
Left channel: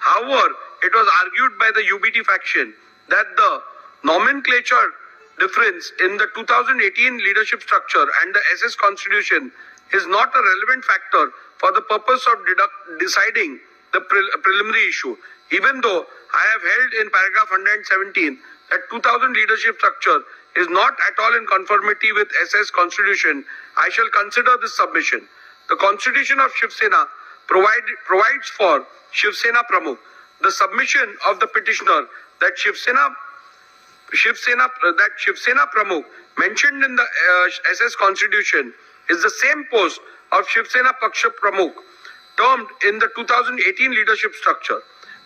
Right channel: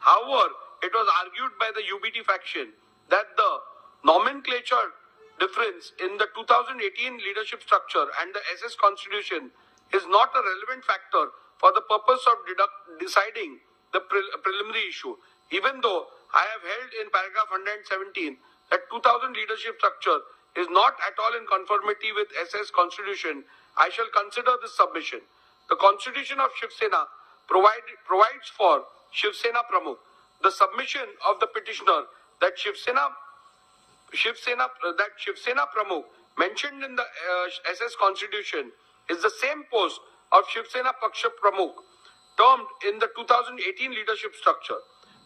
However, it was argued by the UBT faction that the nomenclature difference in the 2018 leadership structure and the SS Constitution is not a relevant factor for the purpose of deciding the preliminary issue. Even though I have held in paragraph 117 that 2000 leadership structure is not at all in conformity with SS Constitution, I shall consider this submission. The Constitution of Shiv Sena provides for Shiv Sena Pramukh. The submission of the petitioner that Shiv Sena Pramukh mentioned in the SS Constitution is the same post of Shiv Sena Paksha Pramukh termed in the 2018 leadership structure.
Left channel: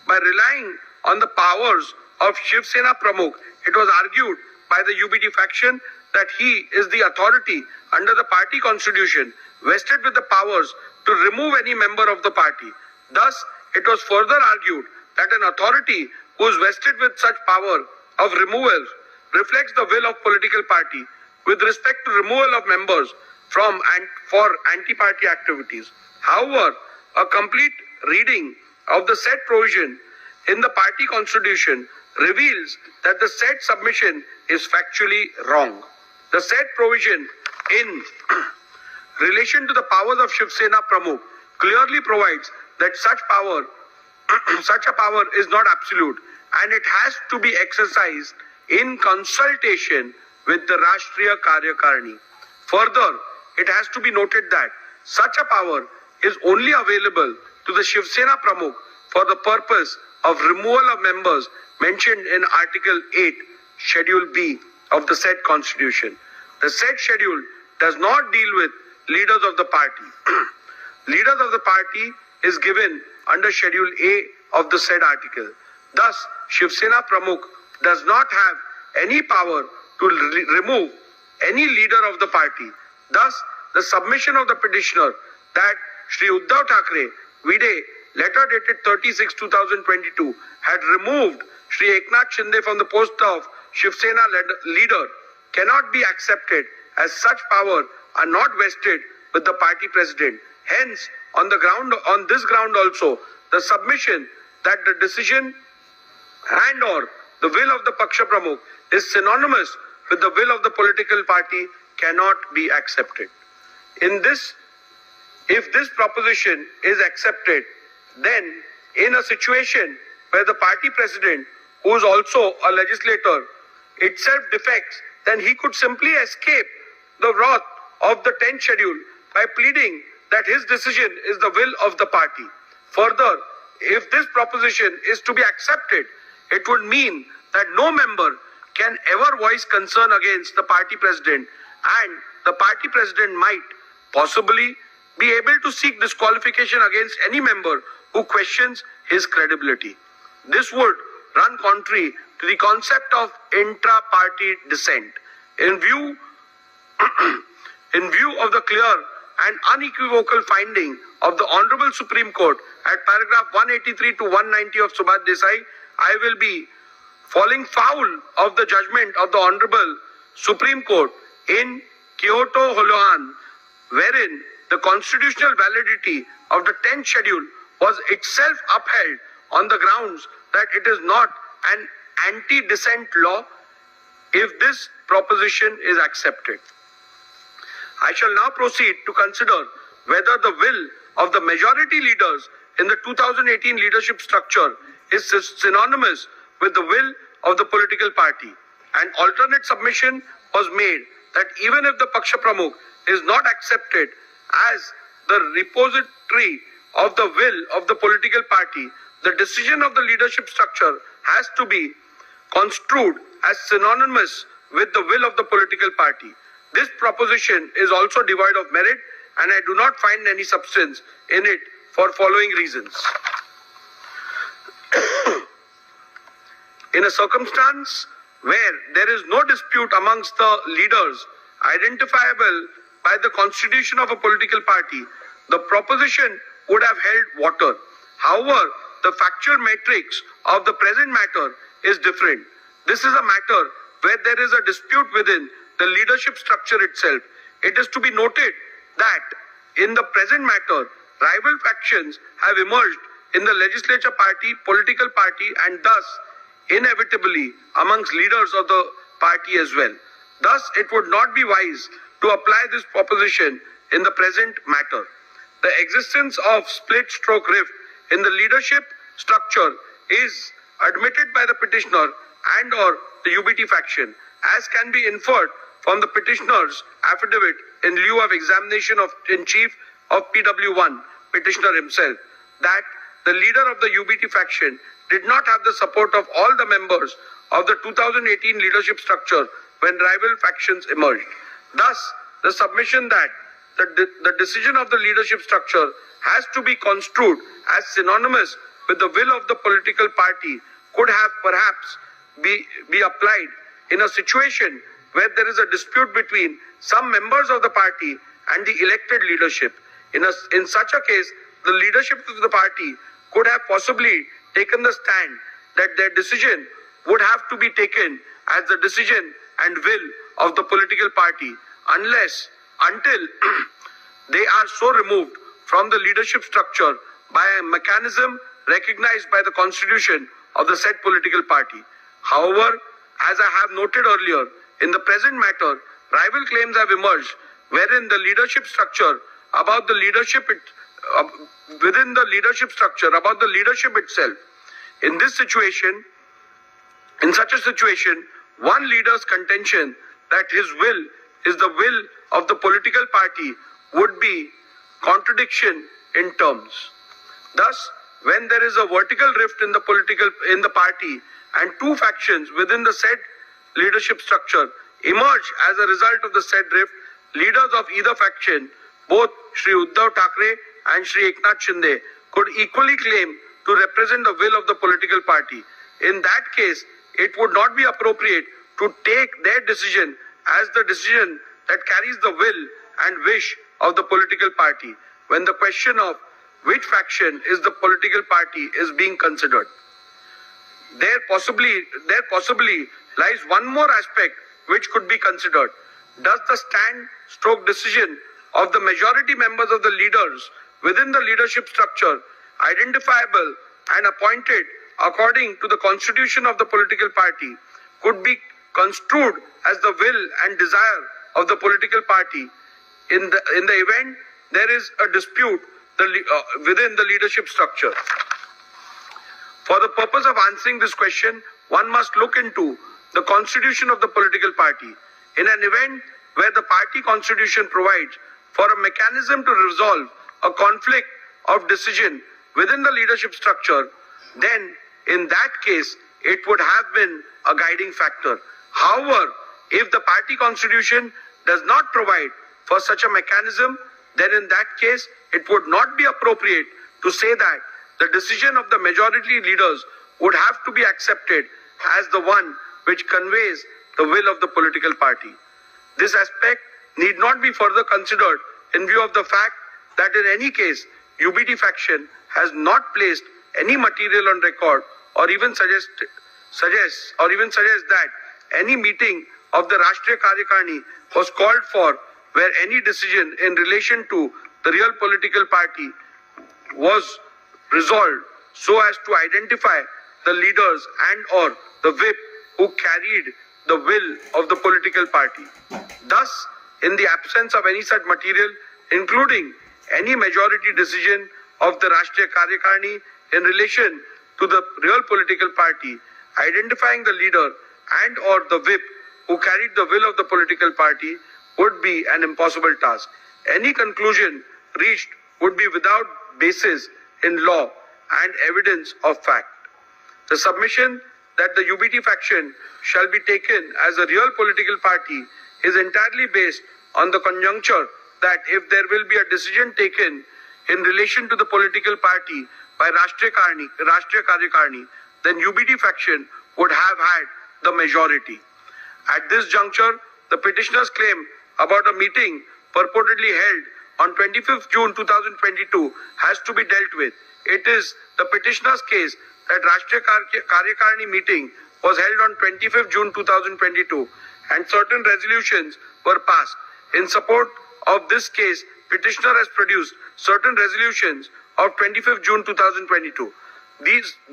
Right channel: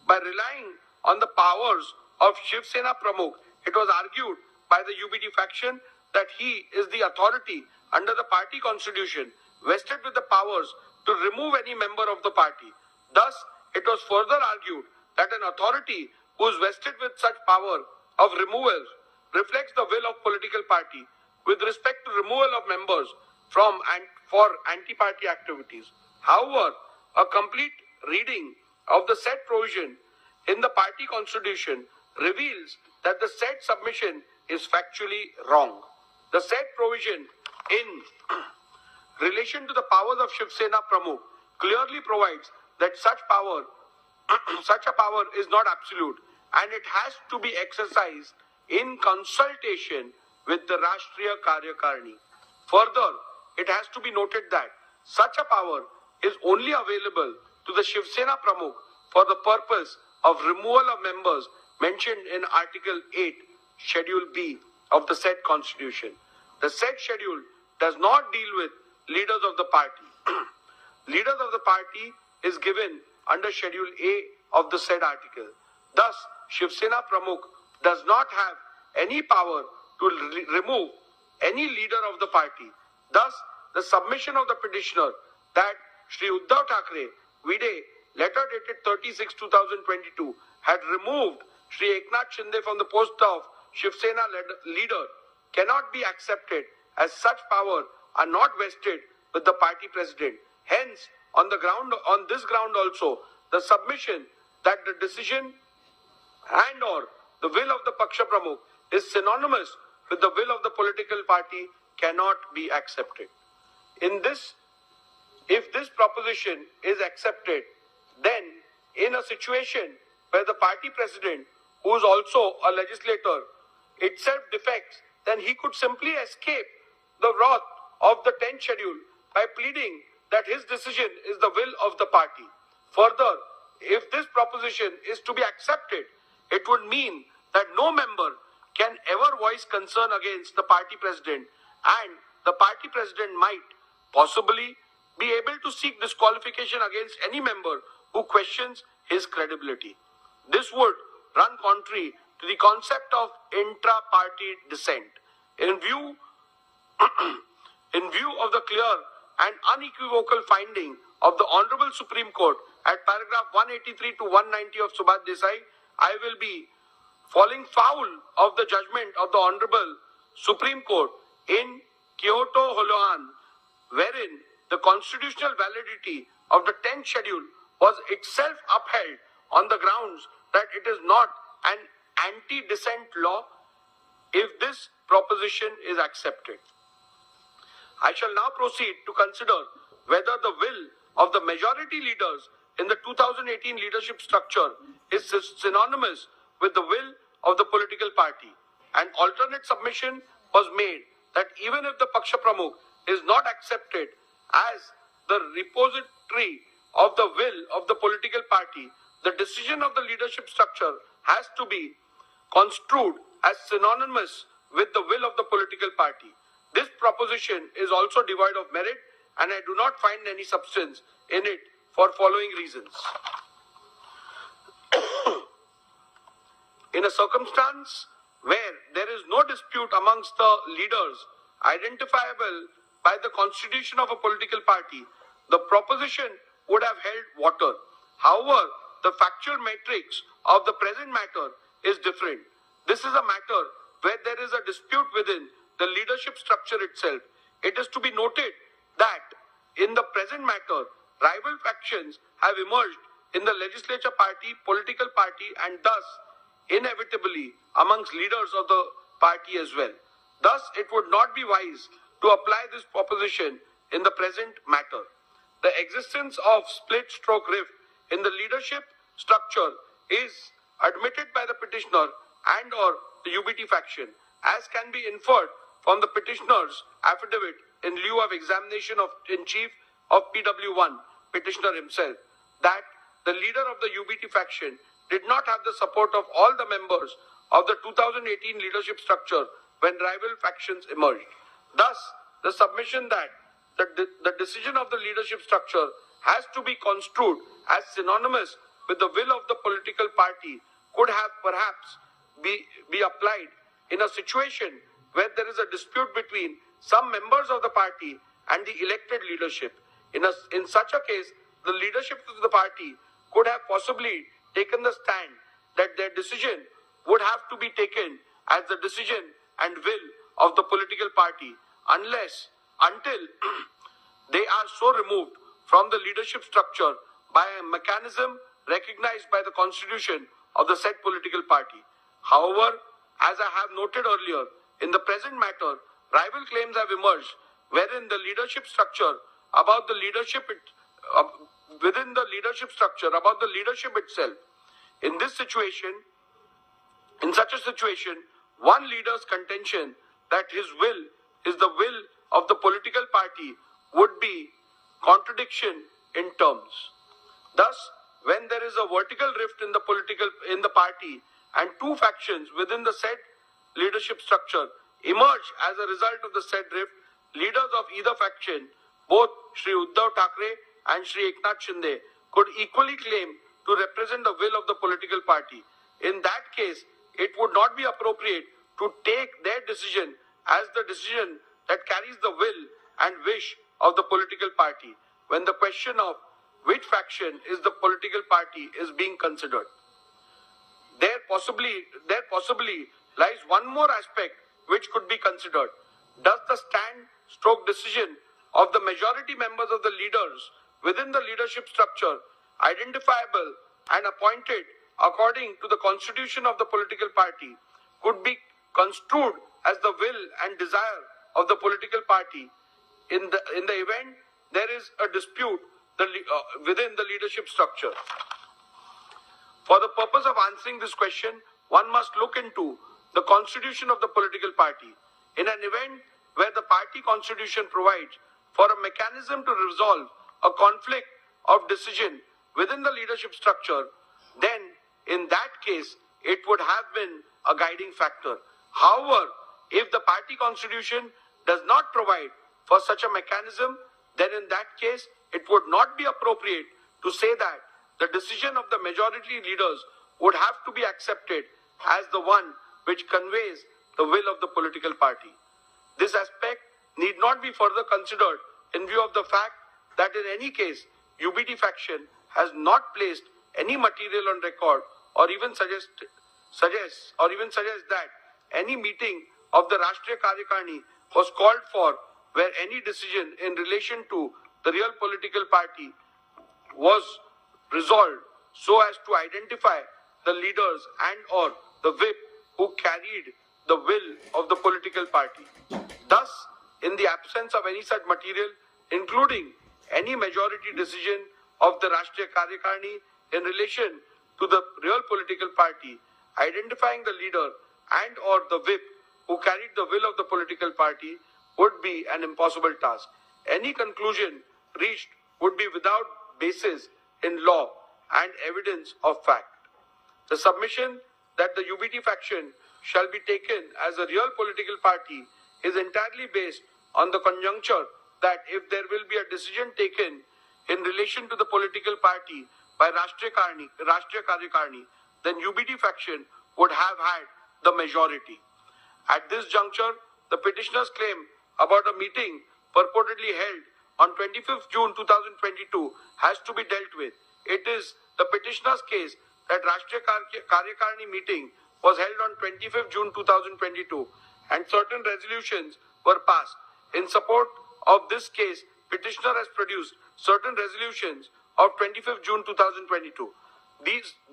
By relying on the powers of Shiv Sena Pramukh, it was argued by the UBT faction that he is the authority under the party constitution vested with the powers to remove any member of the party. Thus, it was further argued that an authority who is vested with such power of removal reflects the will of political party with respect to removal of members from and for anti-party activities. However, a complete reading of the said provision in the party constitution reveals that the said submission is factually wrong. The said provision in relation to the powers of Shiv Sena Pramukh clearly provides that such a power is not absolute and it has to be exercised in consultation with the Rashtriya Karyakarni. Further, it has to be noted that such a power is only available to the Shiv Sena Pramukh for the purpose of removal of members mentioned in Article 8, Schedule B of the said constitution. The said schedule does not deal with leaders of the party. Leaders of the party is given under Schedule A of the said article. Thus, Shiv Sena Pramukh does not have any power to remove any leader of the party. Thus, the submission of the petitioner that Shri Uddhav Thackeray, Vide, letter dated 30/6/2022, had removed Shri Eknath Shinde from the post of Shiv Sena leader cannot be accepted, as such power are not vested with the party president. Hence, on this ground also, the submission that the decision and or the will of the Paksha Pramukh is synonymous with the will of the political party cannot be accepted. If this proposition is accepted, then in a situation where the party president, who is also a legislator, itself defects, then he could simply escape the wrath of the 10th schedule by pleading that his decision is the will of the party. Further, if this proposition is to be accepted, it would mean that no member can ever voice concern against the party president, and the party president might possibly be able to seek disqualification against any member who questions his credibility. This would run contrary to the concept of intra-party dissent. In view of the clear and unequivocal finding of the Honorable Supreme Court at paragraph 183 to 190 of Subhash Desai, I will be falling foul of the judgment of the Honorable Supreme Court in Kyoto Holohan, wherein the constitutional validity of the 10th schedule was itself upheld on the grounds that it is not an anti-dissent law if this proposition is accepted. I shall now proceed to consider whether the will of the majority leaders in the 2018 leadership structure is synonymous with the will of the political party. An alternate submission was made that even if the Paksha Pramukh is not accepted as the repository of the will of the political party, the decision of the leadership structure has to be construed as synonymous with the will of the political party. This proposition is also devoid of merit, and I do not find any substance in it for following reasons. In a circumstance where there is no dispute amongst the leaders identifiable by the constitution of a political party, the proposition would have held water. However, the factual matrix of the present matter is different. This is a matter where there is a dispute within the leadership structure itself. It is to be noted that in the present matter, rival factions have emerged in the legislature party, political party, and thus inevitably amongst leaders of the party as well. Thus, it would not be wise to apply this proposition in the present matter. The existence of split stroke rift in the leadership structure is admitted by the petitioner and or the UBT faction, as can be inferred from the petitioner's affidavit in lieu of examination in chief of PW1, petitioner himself, that the leader of the UBT faction did not have the support of all the members of the 2018 leadership structure when rival factions emerged. Thus, the submission that the decision of the leadership structure has to be construed as synonymous with the will of the political party could have perhaps be applied in a situation where there is a dispute between some members of the party and the elected leadership. In such a case, the leadership of the party could have possibly taken the stand that their decision would have to be taken as the decision and will of the political party until they are so removed from the leadership structure by a mechanism recognized by the constitution of the said political party. However, as I have noted earlier, in the present matter, rival claims have emerged wherein the leadership structure about the leadership within the leadership structure about the leadership itself. In such a situation, one leader's contention that his will is the will of the political party would be contradiction in terms. Thus, when there is a vertical rift in the party and two factions within the said leadership structure emerge as a result of the said rift, leaders of either faction, both Shri Uddhav Thackeray and Shri Eknath Shinde, could equally claim to represent the will of the political party. In that case, it would not be appropriate to take their decision as the decision that carries the will and wish of the political party when the question of which faction is the political party is being considered. There possibly lies one more aspect which could be considered. Does the stand/decision of the majority members of the leaders within the leadership structure, identifiable and appointed according to the constitution of the political party, could be construed as the will and desire of the political party in the event there is a dispute within the leadership structure? For the purpose of answering this question, one must look into the constitution of the political party. In an event where the party constitution provides for a mechanism to resolve a conflict of decision within the leadership structure, then in that case, it would have been a guiding factor. However, if the party constitution does not provide for such a mechanism, then in that case, it would not be appropriate to say that the decision of the majority leaders would have to be accepted as the one which conveys the will of the political party. This aspect need not be further considered in view of the fact that in any case, UBT faction has not placed any material on record or even suggests that any meeting of the Rashtriya Karyakarni was called for where any decision in relation to the real political party was resolved so as to identify the leaders and or the whip who carried the will of the political party. Thus, in the absence of any such material, including any majority decision of the Rashtriya Karyakarni in relation to the real political party, identifying the leader and or the whip who carried the will of the political party would be an impossible task. Any conclusion reached would be without basis in law and evidence of fact. The submission that the UBT faction shall be taken as a real political party is entirely based on the conjuncture that if there will be a decision taken in relation to the political party by Rashtriya Karyakarni, then UBT faction would have had the majority. At this juncture, the petitioner's claim about a meeting purportedly held on 25th June 2022 has to be dealt with. It is the petitioner's case that Rashtriya Karyakarni meeting was held on 25th June 2022 and certain resolutions were passed. In support of this case, petitioner has produced certain resolutions of 25th June 2022.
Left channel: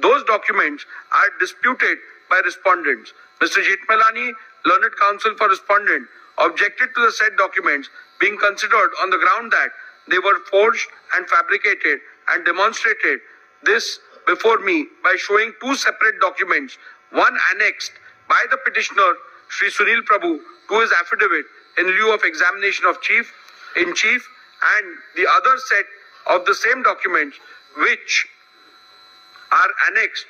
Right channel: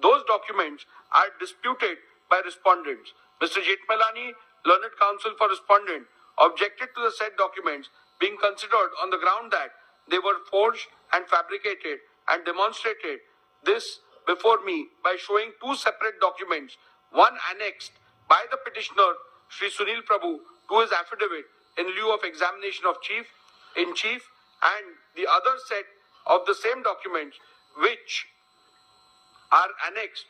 Those documents are disputed by respondents. Mr. Jethmalani, learned counsel for respondent, objected to the said documents being considered on the ground that they were forged and fabricated and demonstrated this before me by showing two separate documents, one annexed by the petitioner Shri Sunil Prabhu to his affidavit in lieu of examination of in chief, and the other set of the same documents which are annexed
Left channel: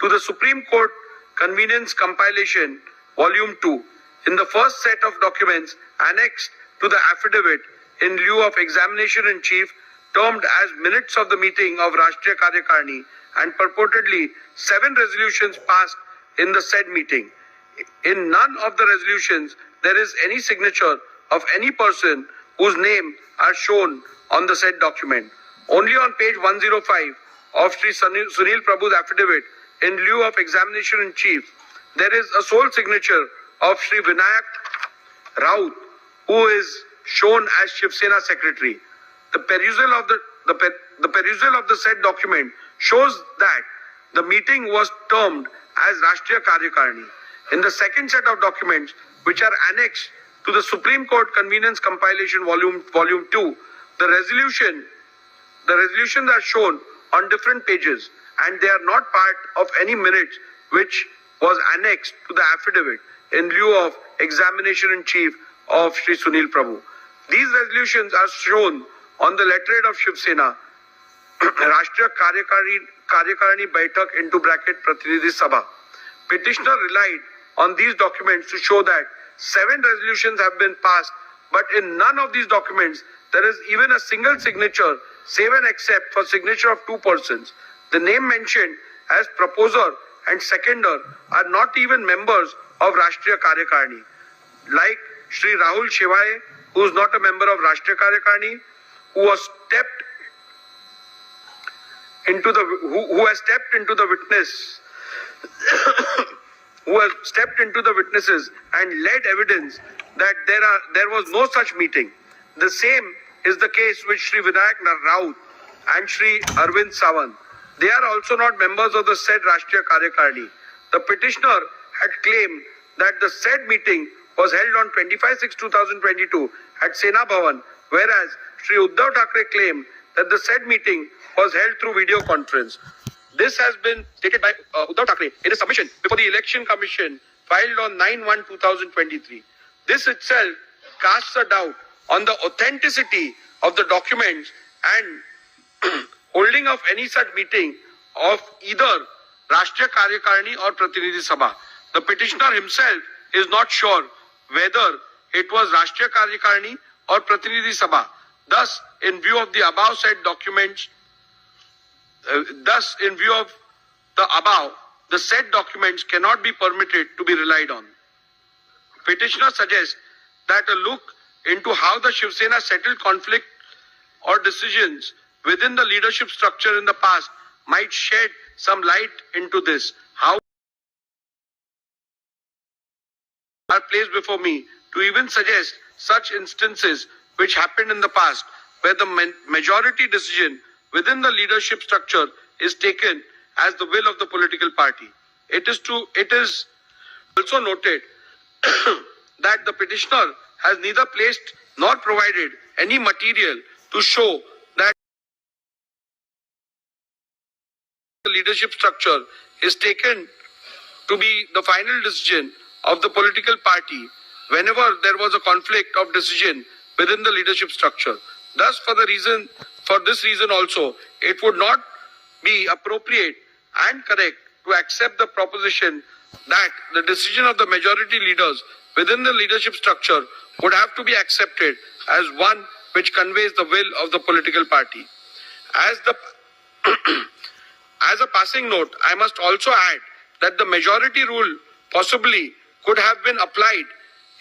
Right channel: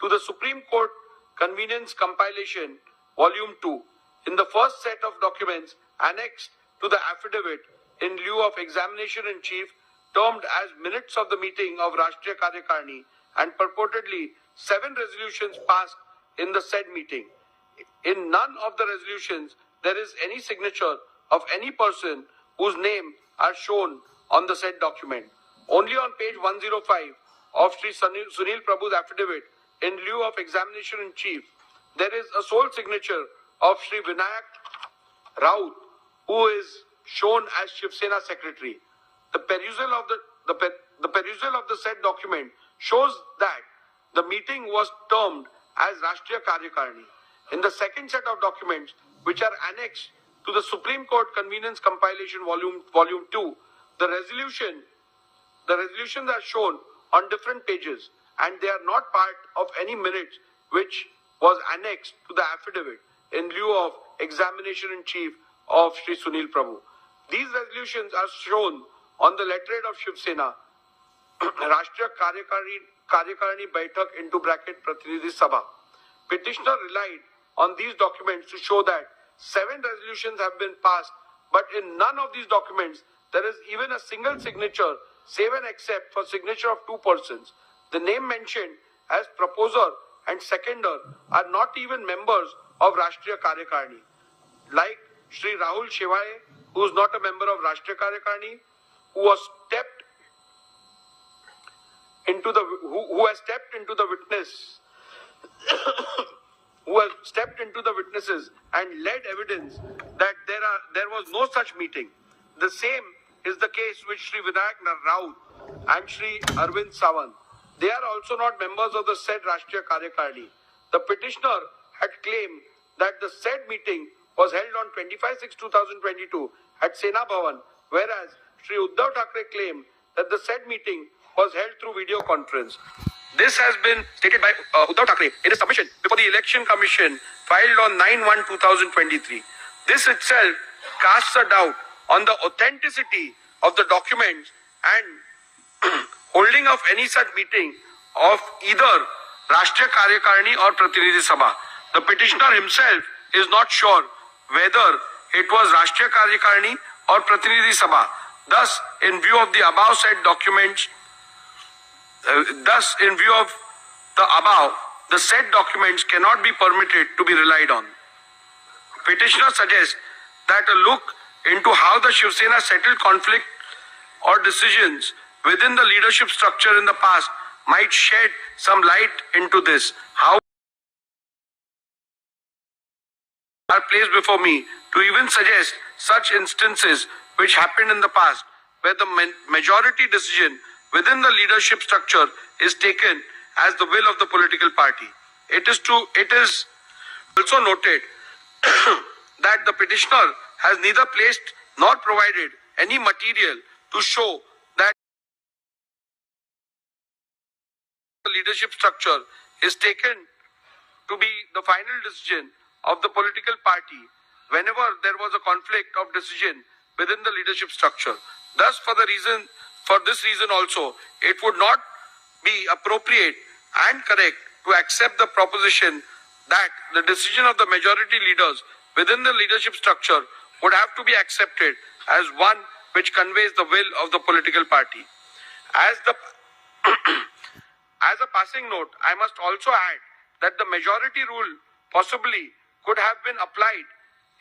to the Supreme Court Convenience Compilation Volume 2. In the first set of documents annexed to the affidavit in lieu of examination in chief, termed as minutes of the meeting of Rashtriya Karyakarni, and purportedly 7 resolutions passed in the said meeting. In none of the resolutions there is any signature of any person whose name are shown on the said document. Only on page 105 of Sri Sunil Prabhu's affidavit in lieu of examination in chief, there is a sole signature of Sri Vinayak Raut, who is shown as Shiv Sena secretary. The perusal of the said document shows that the meeting was termed as Rashtriya Karyakarni. In the second set of documents, which are annexed to the Supreme Court Convenience Compilation Volume 2, the resolutions are shown on different pages and they are not part of any minutes which was annexed to the affidavit in lieu of examination in chief of Shri Sunil Prabhu. These resolutions are shown on the letterhead of Shiv Sena, Rashtriya Karyakarani Baitak into bracket Prathinidhi Sabha. Petitioner relied on these documents to show that 7 resolutions have been passed, but in none of these documents there is even a single signature, save and except for signature of 2 persons. The name mentioned as proposer and seconder are not even members of Rashtriya Karyakarani, like Shri Rahul Shevaye, who is not a member of Rashtriya Karyakarani, who has stepped into the witnesses and led evidence that there was no such meeting. The same is the case with Shri Vinayak Raut and Shri Arvind Sawant. They are also not members of the said Rashtriya Karyakarani. The petitioner had claimed that the said meeting was held on 25/6/2022 at Sena Bhavan, whereas Shri Uddhav Thackeray claimed that the said meeting was held through video conference. This has been stated by Uddhav Thackeray in a submission before the Election Commission filed on 9/1/2023. This itself casts a doubt on the authenticity of the documents and holding of any such meeting of either Rashtriya Karyakarani or Prathinidhi Sabha. The petitioner himself is not sure whether it was Rashtriya Karyakarani or Prathinidhi Sabha. Thus, in view of the above said documents, the said documents cannot be permitted to be relied on. Petitioner suggests that a look into how the Shiv Sena settled conflict or decisions within the leadership structure in the past might shed some light into this. How are placed before me to even suggest such instances which happened in the past where the majority decision within the leadership structure is taken as the will of the political party. It is also noted that the petitioner has neither placed nor provided any material to show that the leadership structure is taken to be the final decision of the political party whenever there was a conflict of decision within the leadership structure. Thus, for this reason also, it would not be appropriate and correct to accept the proposition that the decision of the majority leaders within the leadership structure would have to be accepted as one which conveys the will of the political party. As a passing note, I must also add that the majority rule possibly could have been applied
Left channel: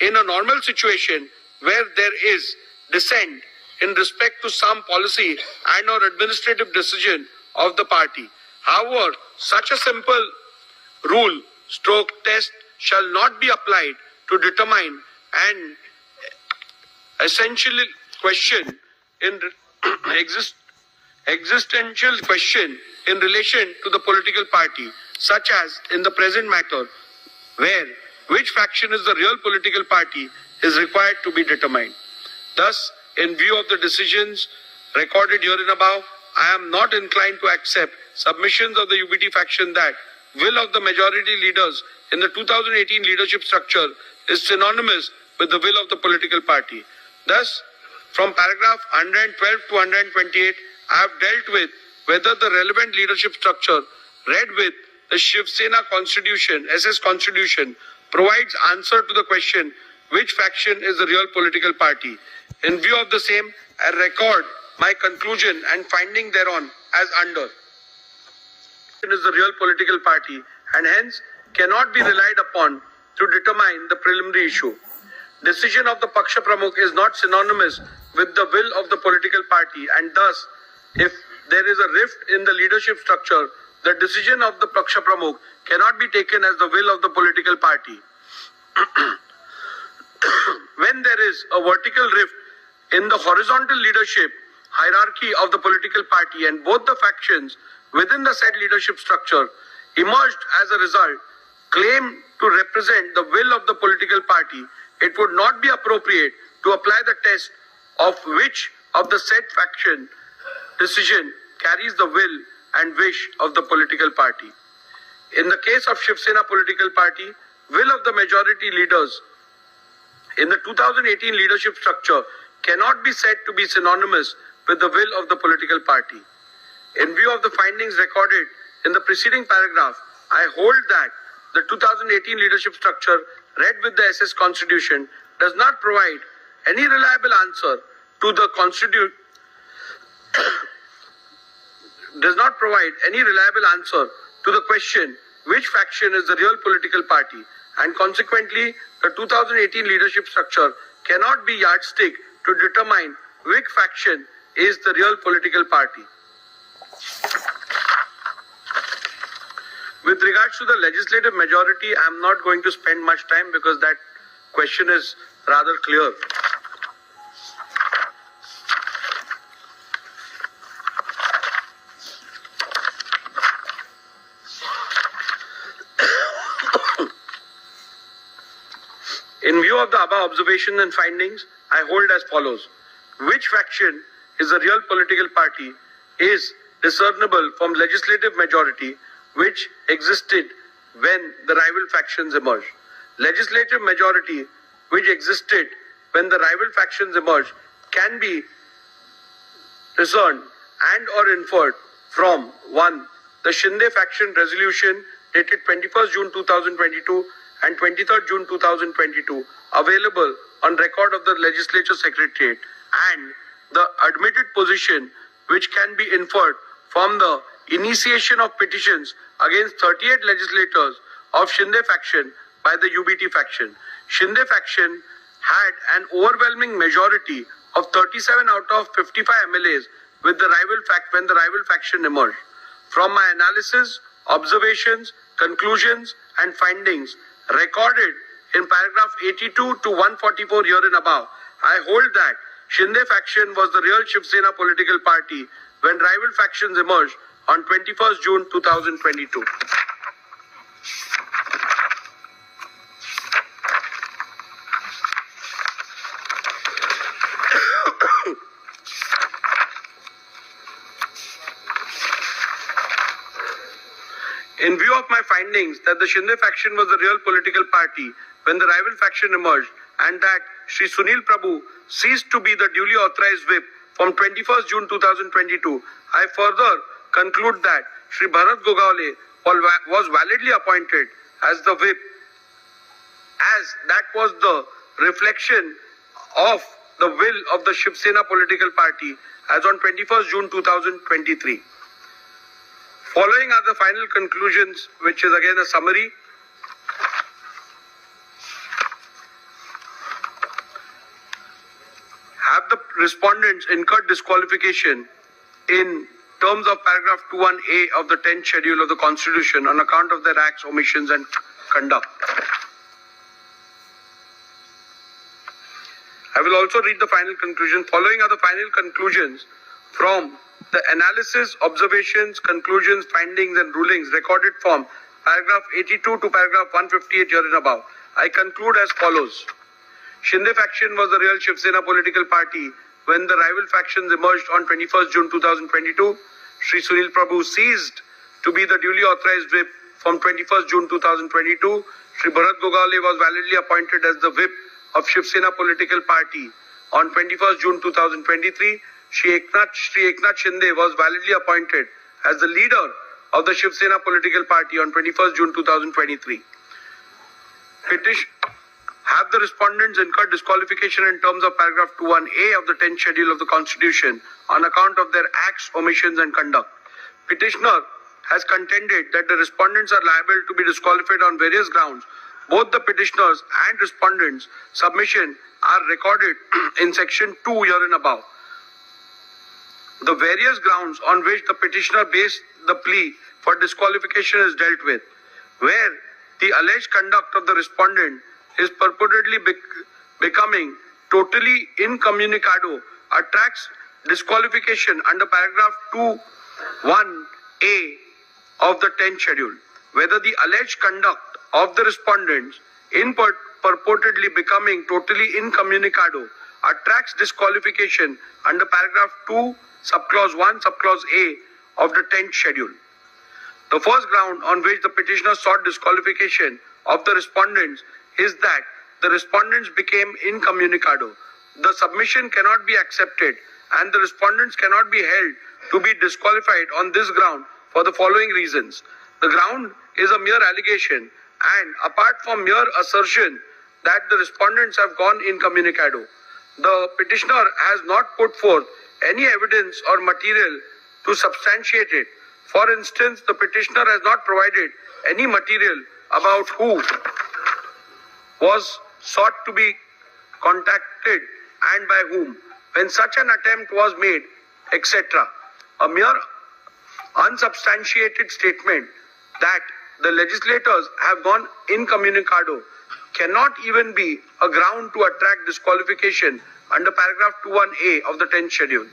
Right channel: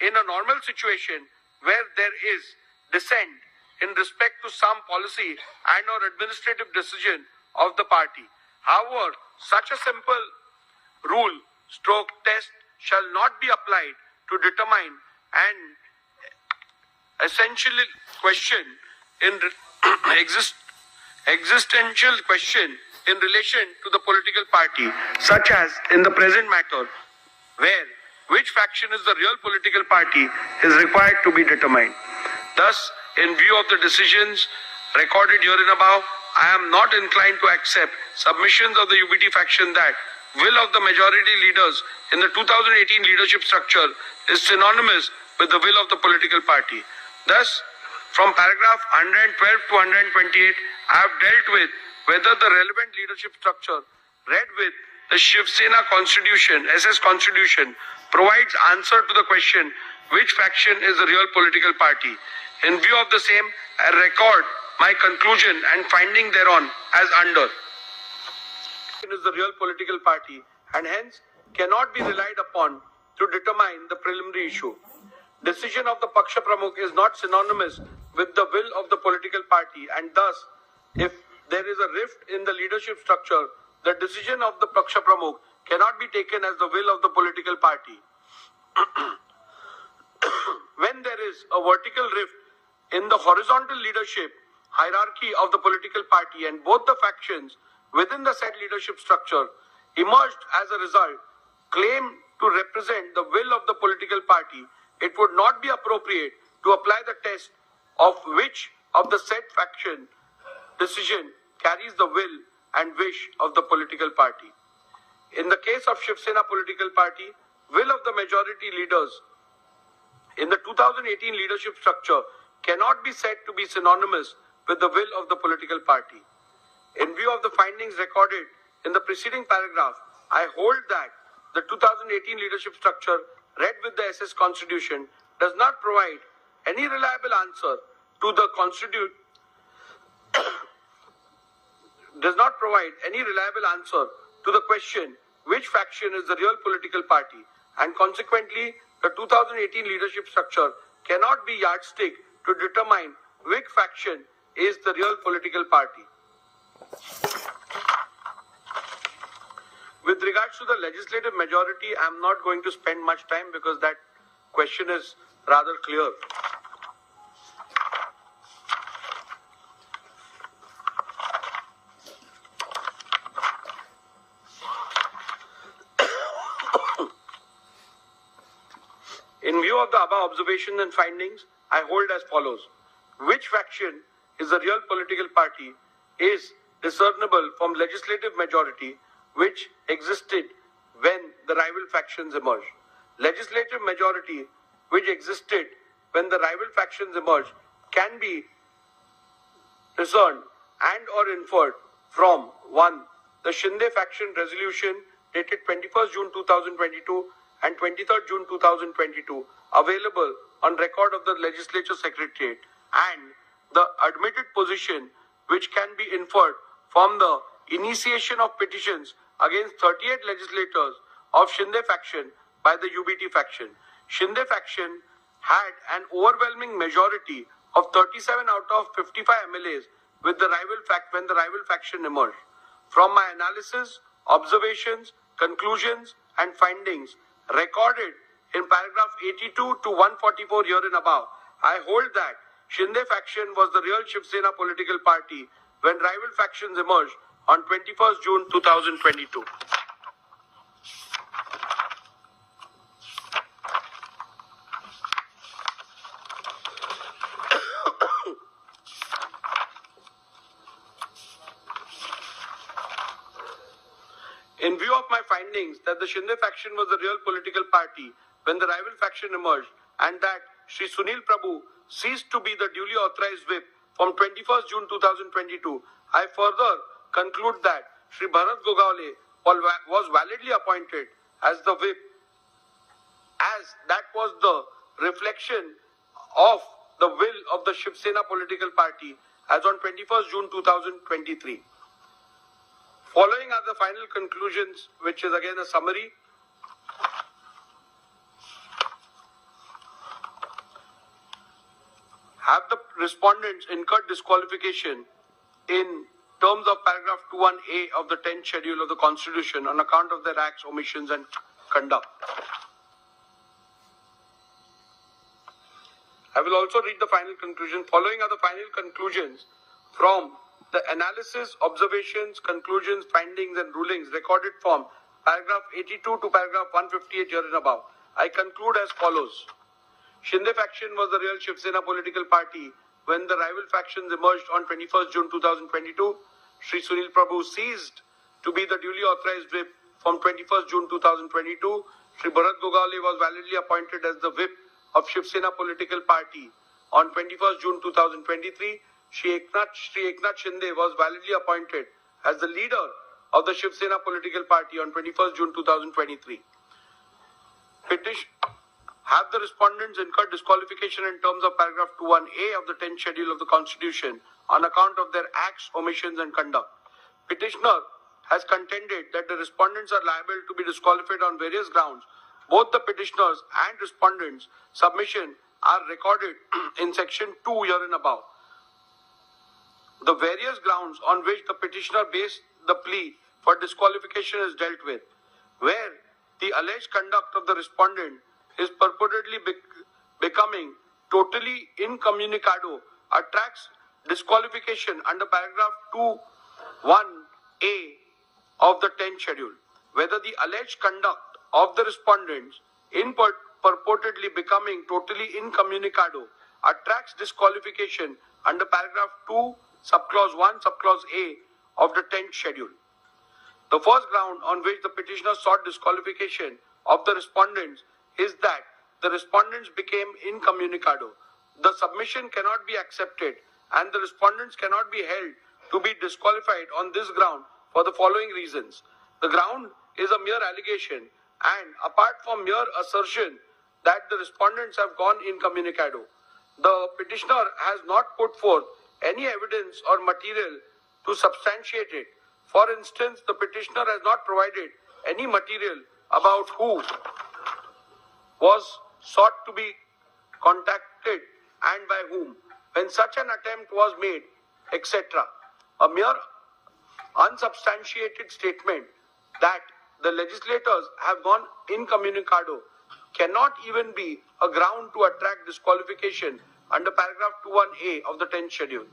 in a normal situation where there is dissent in respect to some policy and or administrative decision of the party. However, such a simple rule stroke test shall not be applied to determine an essential question in existential question in relation to the political party, such as in the present matter, where which faction is the real political party is required to be determined. Thus, in view of the decisions recorded herein above, I am not inclined to accept submissions of the UBT faction that will of the majority leaders in the 2018 leadership structure is synonymous with the will of the political party. Thus, from paragraph 112 to 128, I have dealt with whether the relevant leadership structure read with the Shiv Sena Constitution, SS Constitution, provides answer to the question which faction is the real political party. In view of the same, I record my conclusion and finding thereon as under. It is the real political party and hence cannot be relied upon to determine the preliminary issue. Decision of the Paksha Pramukh is not synonymous with the will of the political party, and thus, if there is a rift in the leadership structure, the decision of the Paksha Pramukh cannot be taken as the will of the political party. When there is a vertical rift in the horizontal leadership hierarchy of the political party and both the factions within the said leadership structure emerged as a result, claim to represent the will of the political party, it would not be appropriate to apply the test of which of the said faction decision carries the will and wish of the political party. In the case of Shiv Sena political party, will of the majority leaders in the 2018 leadership structure cannot be said to be synonymous with the will of the political party. In view of the findings recorded in the preceding paragraph, I hold that the 2018 leadership structure read with the SS Constitution does not provide any reliable answer to the question which faction is the real political party, and consequently the 2018 leadership structure cannot be yardstick to determine which faction is the real political party. With regards to the legislative majority, I am not going to spend much time because that question is rather clear. In view of the above observations and findings, I hold as follows. Which faction is the real political party is discernible from legislative majority which existed when the rival factions emerged. Legislative majority which existed when the rival factions emerged can be discerned and or inferred from 1. The Shinde faction resolution dated 21st June 2022 and 23rd June 2022 available on record of the Legislature Secretariat, and the admitted position which can be inferred from the initiation of petitions against 38 legislators of Shinde faction by the UBT faction. Shinde faction had an overwhelming majority of 37 out of 55 MLAs with the when the rival faction emerged. From my analysis, observations, conclusions and findings recorded in paragraph 82 to 144 here and above, I hold that Shinde faction was the real Shiv Sena political party when rival factions emerged on 21st June 2022. In view of my findings that the Shinde faction was the real political party when the rival faction emerged, and that Shri Sunil Prabhu ceased to be the duly authorized whip from 21st June 2022, I further conclude that Shri Bharat Gogaole was validly appointed as the whip, as that was the reflection of the will of the Shiv Sena political party as on 21st June 2023. Following are the final conclusions, which is again a summary. Have the respondents incurred disqualification in terms of paragraph 21A of the 10th schedule of the Constitution on account of their acts, omissions and conduct? I will also read the final conclusion. Following are the final conclusions from the analysis, observations, conclusions, findings and rulings recorded from paragraph 82 to paragraph 158 here and above. I conclude as follows. Shinde faction was the real Shiv Sena political party when the rival factions emerged on 21st June 2022. Shri Sunil Prabhu ceased to be the duly authorized whip from 21st June 2022. Shri Bharat Gogaole was validly appointed as the whip of Shiv Sena political party on 21st June 2023. Shri Eknath Shinde was validly appointed as the leader of the Shiv Sena political party on 21st June 2023. Have the respondents incurred disqualification in terms of paragraph 21A of the 10th schedule of the Constitution on account of their acts, omissions and conduct? Petitioner has contended that the respondents are liable to be disqualified on various grounds. Both the petitioners and respondents' submission are recorded in section 2 here and above. The various grounds on which the petitioner based the plea for disqualification is dealt with, where the alleged conduct of the respondent is purportedly becoming totally incommunicado, attracts disqualification under paragraph 2(1)(a) of the 10th schedule. Whether the alleged conduct of the respondents in purportedly becoming totally incommunicado attracts disqualification under paragraph 2, subclause 1, subclause A of the 10th schedule. The first ground on which the petitioner sought disqualification of the respondents is that the respondents became incommunicado. The submission cannot be accepted and the respondents cannot be held to be disqualified on this ground for the following reasons. The ground is a mere allegation, and apart from mere assertion that the respondents have gone incommunicado, the petitioner has not put forth any evidence or material to substantiate it. For instance, the petitioner has not provided any material about who was sought to be contacted and by whom, when such an attempt was made, etc. A mere unsubstantiated statement that the legislators have gone incommunicado cannot even be a ground to attract disqualification under paragraph 21A of the 10th schedule.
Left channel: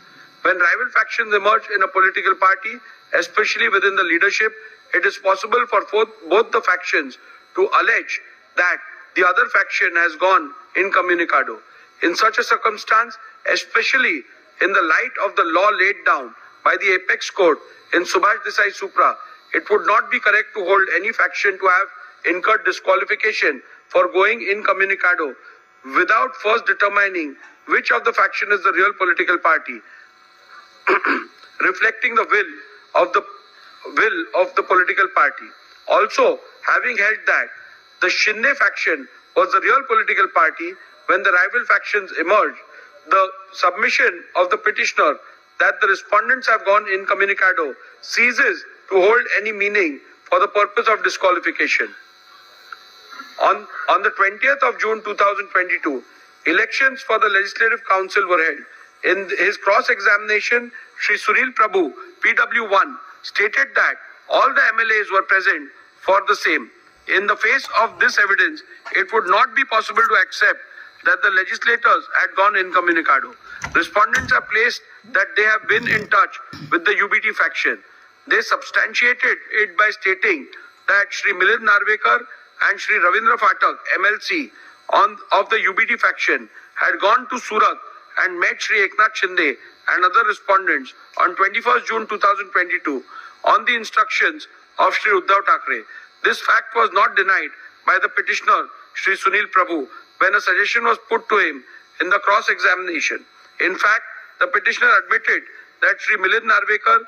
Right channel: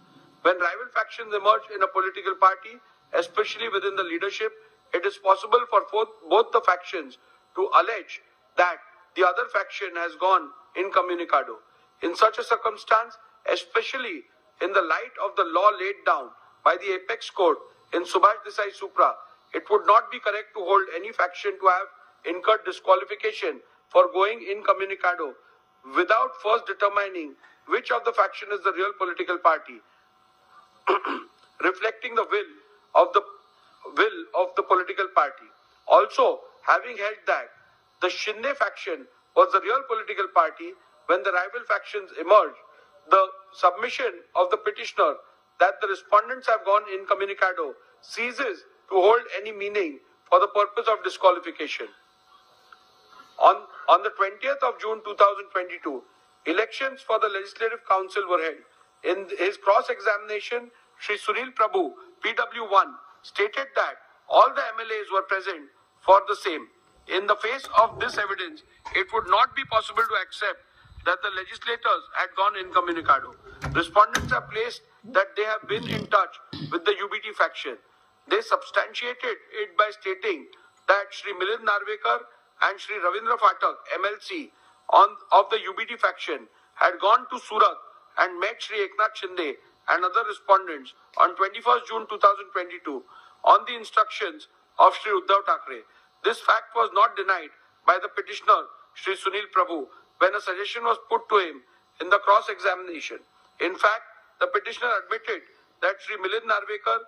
When rival factions emerge in a political party, especially within the leadership, it is possible for both the factions to allege that the other faction has gone incommunicado. In such a circumstance, especially in the light of the law laid down by the Apex Court in Subhash Desai Supra, it would not be correct to hold any faction to have incurred disqualification for going incommunicado without first determining which of the faction is the real political party, reflecting the will of the political party. Also, having held that the Shinde faction was the real political party when the rival factions emerged, the submission of the petitioner that the respondents have gone incommunicado ceases to hold any meaning for the purpose of disqualification. On the 20th of June 2022, elections for the Legislative Council were held. In his cross-examination, Shri Sunil Prabhu, PW1, stated that all the MLAs were present for the same. In the face of this evidence, it would not be possible to accept that the legislators had gone incommunicado. Respondents have placed that they have been in touch with the UBT faction. They substantiated it by stating that Shri Milind Narvekar and Shri Ravindra Phatak, MLC, of the UBT faction, had gone to Surat and met Shri Eknath Shinde and other respondents on 21st June 2022 on the instructions of Shri Uddhav Thackeray. This fact was not denied by the petitioner, Shri Sunil Prabhu, when a suggestion was put to him in the cross-examination. In fact, the petitioner admitted that Shri Milind Narvekar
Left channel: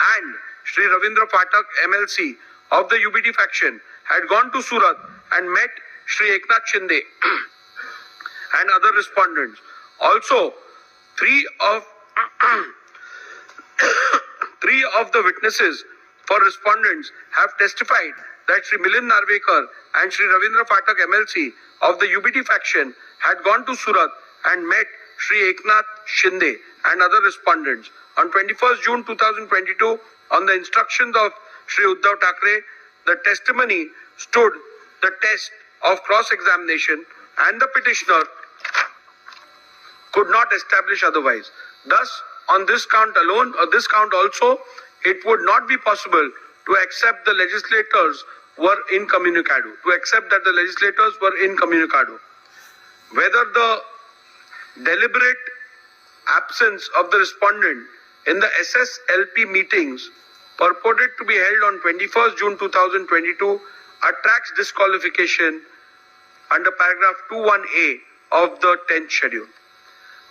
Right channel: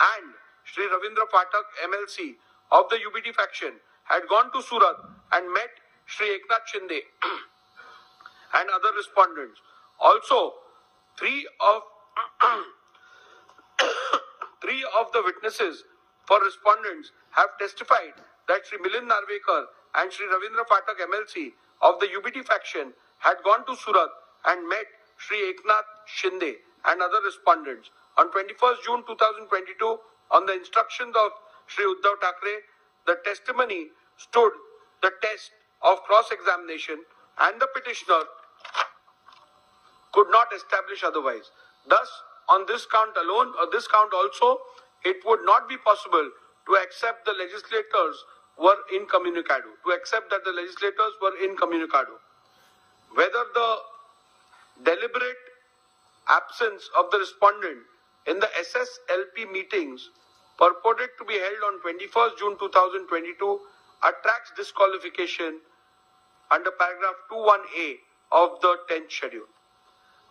and Shri Ravindra Phatak, MLC, of the UBT faction, had gone to Surat and met Shri Eknath Shinde and other respondents. Also, three of the witnesses for respondents have testified that Shri Milind Narvekar and Shri Ravindra Phatak, MLC, of the UBT faction, had gone to Surat and met Shri Eknath Shinde and other respondents. On 21st June 2022, on the instructions of Shri Uddhav Thackeray, the testimony stood the test of cross-examination and the petitioner could not establish otherwise. Thus, on this count alone, or this count also, it would not be possible to accept the legislators were incommunicado, Whether the deliberate absence of the respondent in the SSLP meetings purported to be held on 21st June 2022 attracts disqualification under paragraph 21A of the 10th schedule.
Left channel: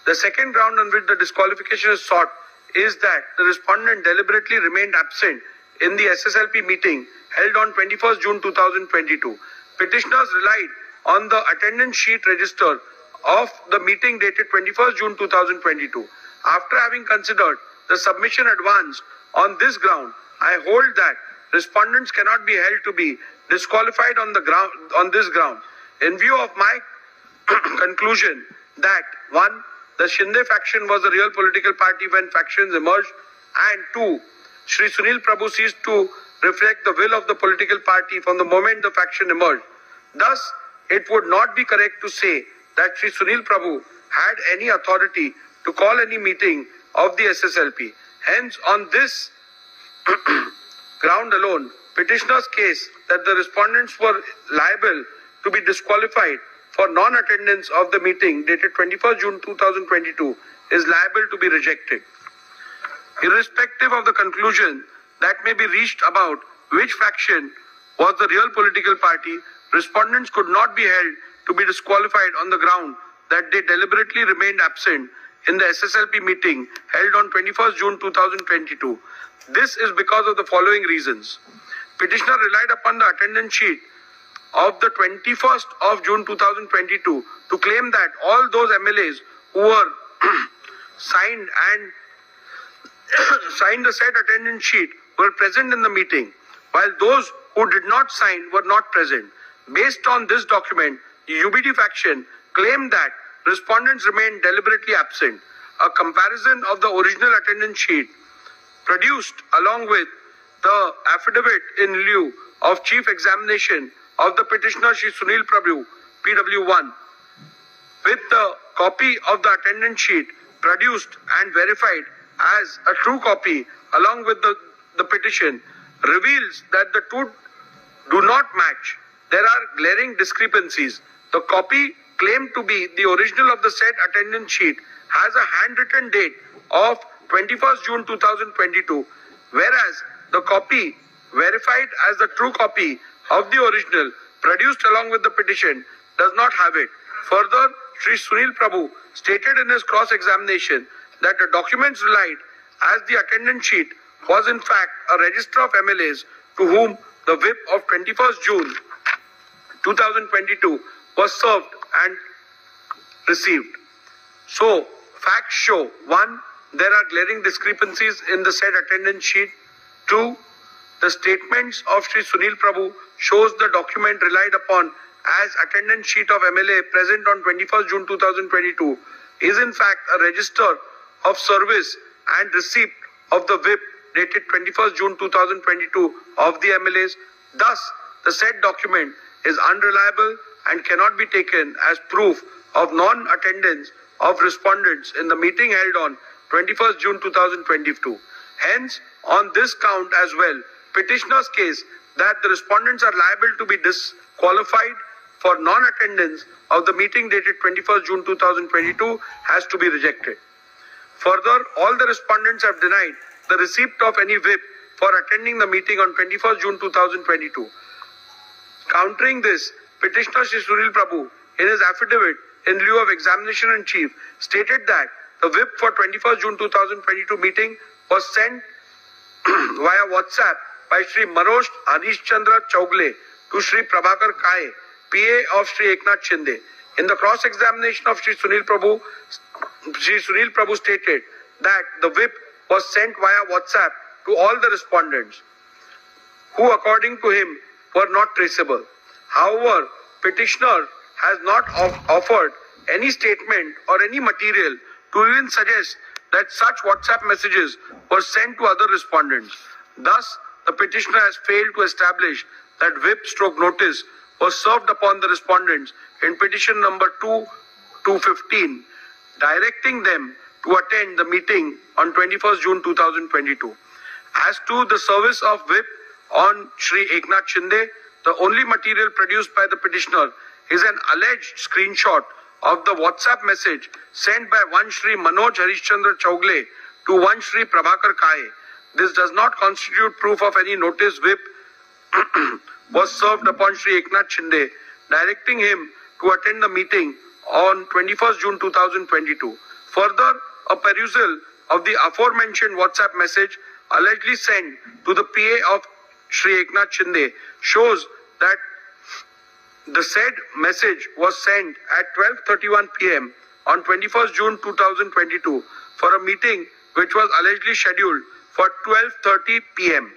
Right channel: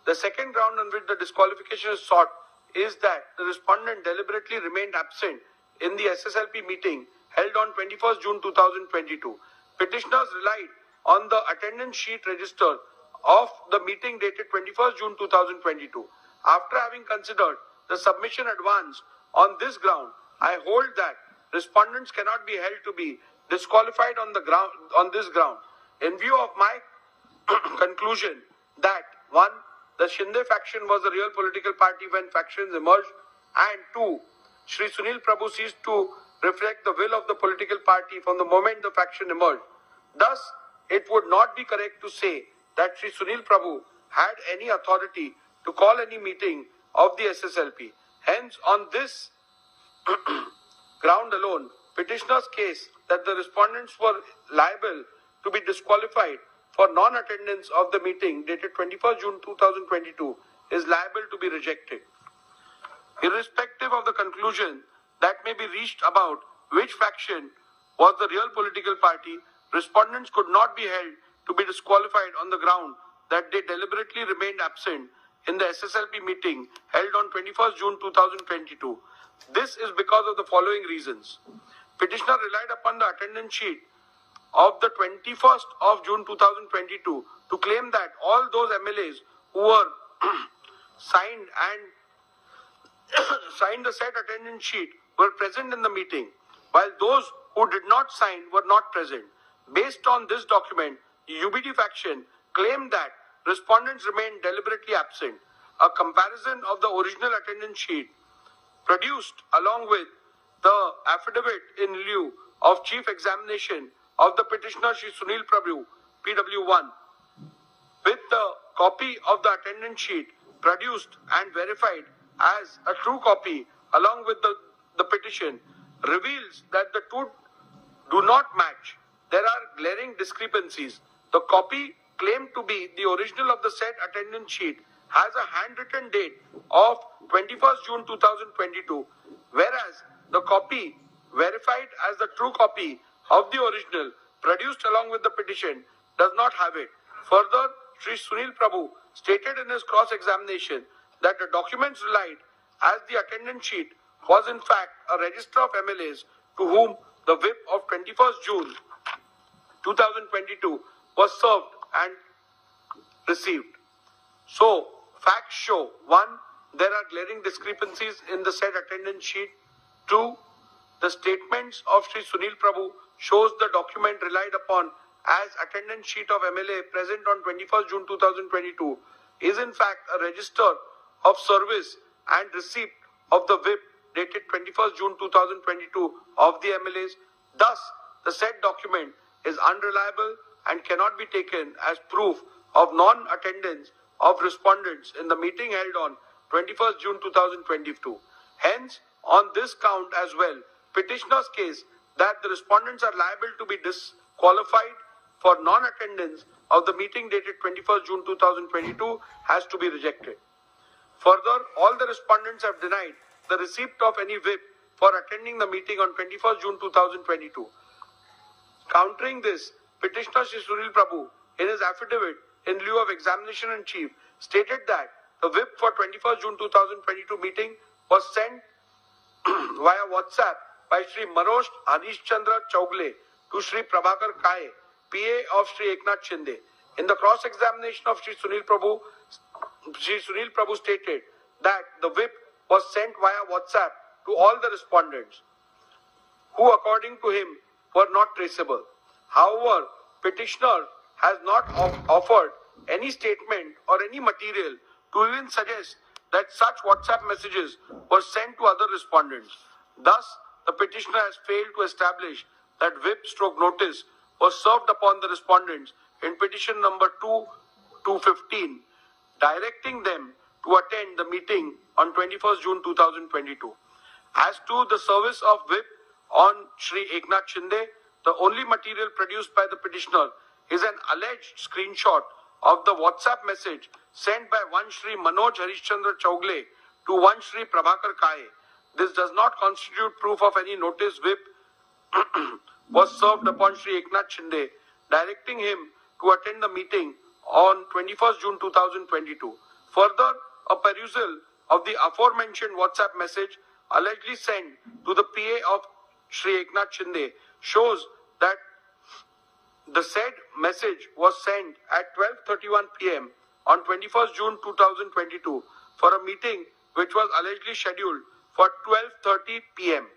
The second ground on which the disqualification is sought is that the respondent deliberately remained absent in the SSLP meeting held on 21st June 2022. Petitioners relied on the attendance sheet register of the meeting dated 21st June 2022. After having considered the submission advanced on this ground, I hold that respondents cannot be held to be disqualified on this ground. In view of my conclusion that 1. The Shinde faction was a real political party when factions emerged, and 2. Shri Sunil Prabhu ceased to reflect the will of the political party from the moment the faction emerged. Thus, it would not be correct to say that Shri Sunil Prabhu had any authority to call any meeting of the SSLP. Hence, on this ground alone, petitioner's case that the respondents were liable to be disqualified for non-attendance of the meeting dated 21st June 2022 is liable to be rejected. Irrespective of the conclusion that may be reached about which faction was the real political party, respondents could not be held to be disqualified on the ground that they deliberately remained absent in the SSLP meeting held on 21st June 2022. This is because of the following reasons. Petitioner relied upon the attendance sheet of the 21st of June 2022 to claim that all those MLAs who were signed the said attendance sheet were present in the meeting, while those who did not sign were not present. Based on this document, the UBD faction claimed that respondents remained deliberately absent. A comparison of the original attendance sheet produced along with the affidavit in lieu of chief examination of the petitioner Shri Sunil Prabhu, PW1, with the copy of the attendance sheet produced and verified as a true copy along with the petition reveals that the two do not match. There are glaring discrepancies. The copy claimed to be the original of the said attendance sheet has a handwritten date of 21st June 2022, whereas the copy verified as the true copy of the original produced along with the petition does not have it. Further, Shri Sunil Prabhu stated in his cross-examination that the documents relied as the attendance sheet was in fact a register of MLAs to whom the whip of 21st June 2022 was served and received. So, facts show: 1. There are glaring discrepancies in the said attendance sheet. 2. The statements of Shri Sunil Prabhu shows the document relied upon as attendance sheet of MLA present on 21st June 2022 is in fact a register of service and receipt of the whip dated 21st June 2022 of the MLAs. Thus, the said document is unreliable and cannot be taken as proof of non-attendance of respondents in the meeting held on 21st June 2022. Hence, on this count as well, petitioner's case that the respondents are liable to be disqualified for non-attendance of the meeting dated 21st June 2022 has to be rejected. Further, all the respondents have denied the receipt of any whip for attending the meeting on 21st June 2022. Countering this, petitioner Shri Sunil Prabhu, in his affidavit in lieu of examination in chief, stated that the whip for 21st June 2022 meeting was sent via WhatsApp by Shri Manoj Harishchandra Chaugle to Shri Prabhakar Kaye, PA of Shri Eknath Shinde. In the cross-examination of Shri Sunil Prabhu stated that the whip was sent via WhatsApp to all the respondents, who according to him were not traceable. However, petitioner has not offered any statement or any material to even suggest that such WhatsApp messages were sent to other respondents. Thus, the petitioner has failed to establish that whip/notice was served upon the respondents in petition number 2-15, directing them to attend the meeting on 21st June 2022. As to the service of whip on Shri Eknath Shinde, the only material produced by the petitioner is an alleged screenshot of the WhatsApp message sent by one Shri Manoj Harishchandra Chaugle to one Shri Prabhakar Kaye. This does not constitute proof of any notice whip was served upon Shri Eknath Shinde, directing him to attend the meeting on 21st June 2022. Further, a perusal of the aforementioned WhatsApp message allegedly sent to the PA of Shri Eknath Shinde shows that the said message was sent at 12:31 p.m. on 21st June 2022 for a meeting which was allegedly scheduled for 12:30 p.m.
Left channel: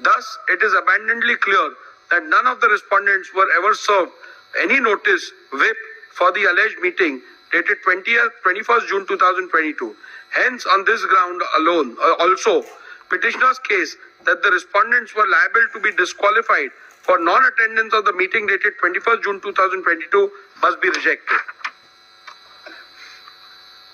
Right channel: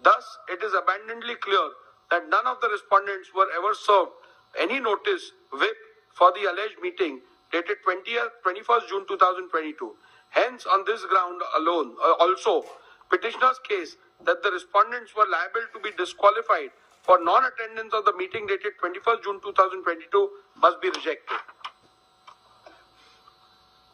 Thus, it is abundantly clear that none of the respondents were ever served any notice whip for the alleged meeting dated 21st June 2022. Hence, on this ground alone, also, petitioner's case that the respondents were liable to be disqualified for non-attendance of the meeting dated 21st June 2022 must be rejected.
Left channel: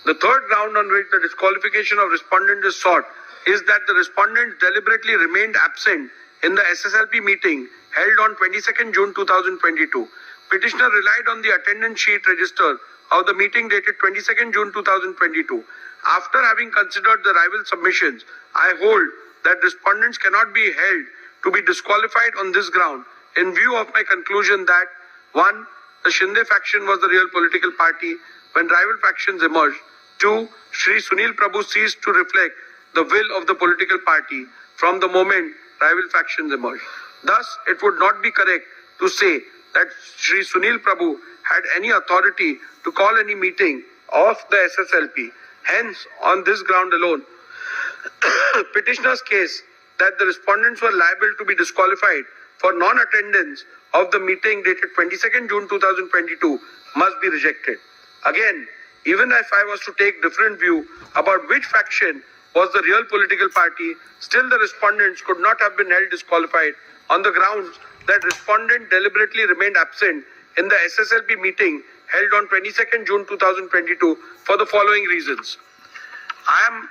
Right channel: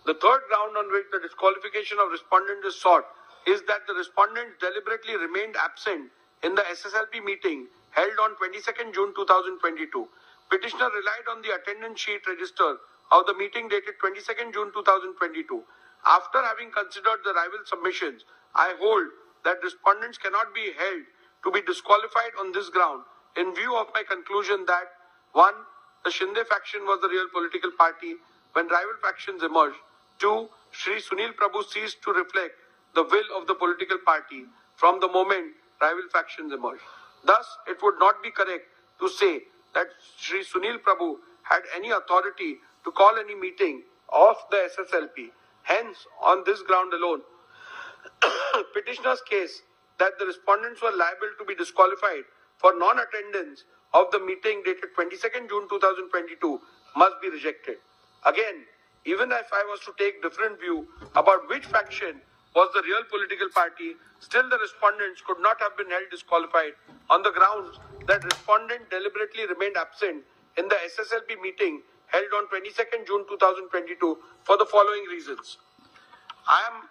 The third ground on which the disqualification of respondent is sought is that the respondents deliberately remained absent in the SSLP meeting held on 22nd June 2022. petitioner relied on the attendance sheet register of the meeting dated 22nd June 2022. After having considered the rival submissions, I hold that respondents cannot be held to be disqualified on this ground in view of my conclusion that 1. The Shinde faction was the real political party when rival factions emerged. 2. Shri Sunil Prabhu ceased to reflect the will of the political party from the moment rival factions emerged. Thus, it would not be correct to say that Shri Sunil Prabhu had any authority to call any meeting of the SSLP. Hence, on this ground alone, petitioner's case that the respondents were liable to be disqualified for non-attendance of the meeting dated 22nd June 2022 must be rejected. Again, even if I was to take different view about which faction was the real political party, still the respondents could not have been held disqualified on the grounds that respondent deliberately remained absent in the SSLP meeting held on 22nd June 2022 for the following reasons. I am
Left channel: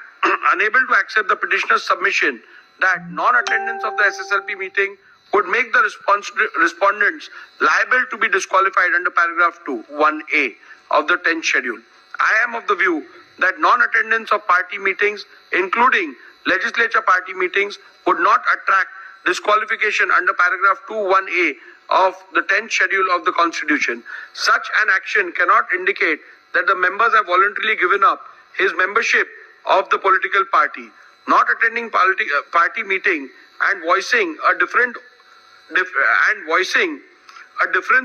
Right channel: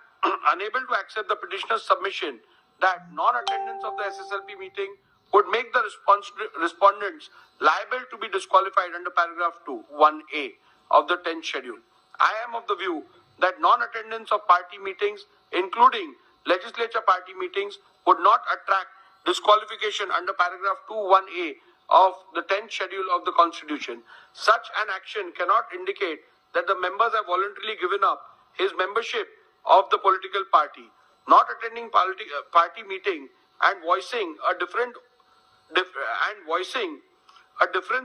unable to accept the petitioner's submission that non-attendance of the SSLP meeting would make the respondents liable to be disqualified under paragraph 2, 1A of the 10th schedule. I am of the view that non-attendance of party meetings, including legislature party meetings, would not attract disqualification under paragraph 2, 1A of the 10th schedule of the Constitution. Such an action cannot indicate that the members have voluntarily given up his membership of the political party. Not attending party meeting and voicing a difference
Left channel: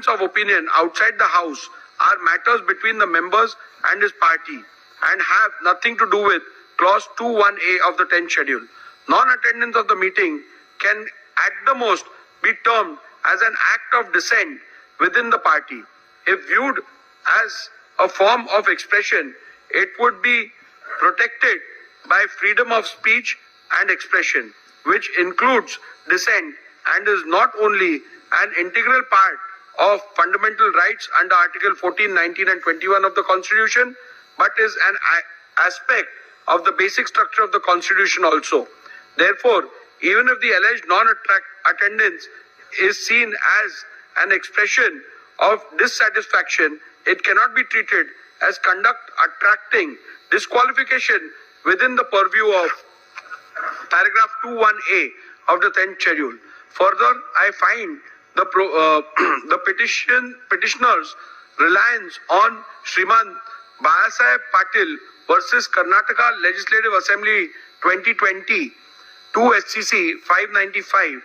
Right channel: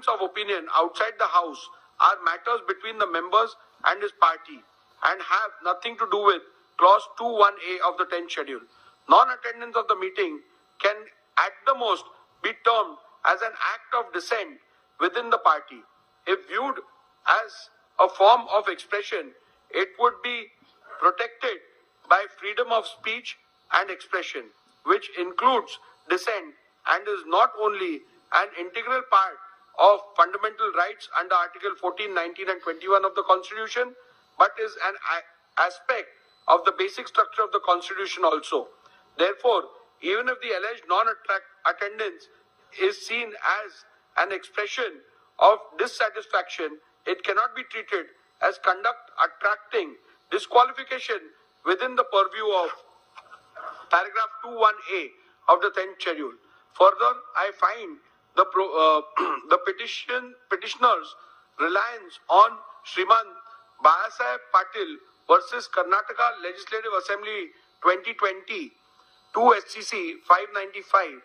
of opinion outside the House are matters between the members and his party and have nothing to do with clause 2(1)(a) of the 10th schedule. Non-attendance of the meeting can at the most be termed as an act of dissent within the party. If viewed as a form of expression, it would be protected by freedom of speech and expression, which includes dissent and is not only an integral part of fundamental rights under Article 14, 19 and 21 of the Constitution, but is an aspect of the basic structure of the Constitution also. Therefore, even if the alleged non-attendance is seen as an expression of dissatisfaction, it cannot be treated as conduct attracting disqualification within the purview of paragraph 2(1)(a) of the 10th schedule. Further, I find the petitioner's reliance on Shriman Bahasaheb Patil versus Karnataka Legislative Assembly 2020 2 SCC 595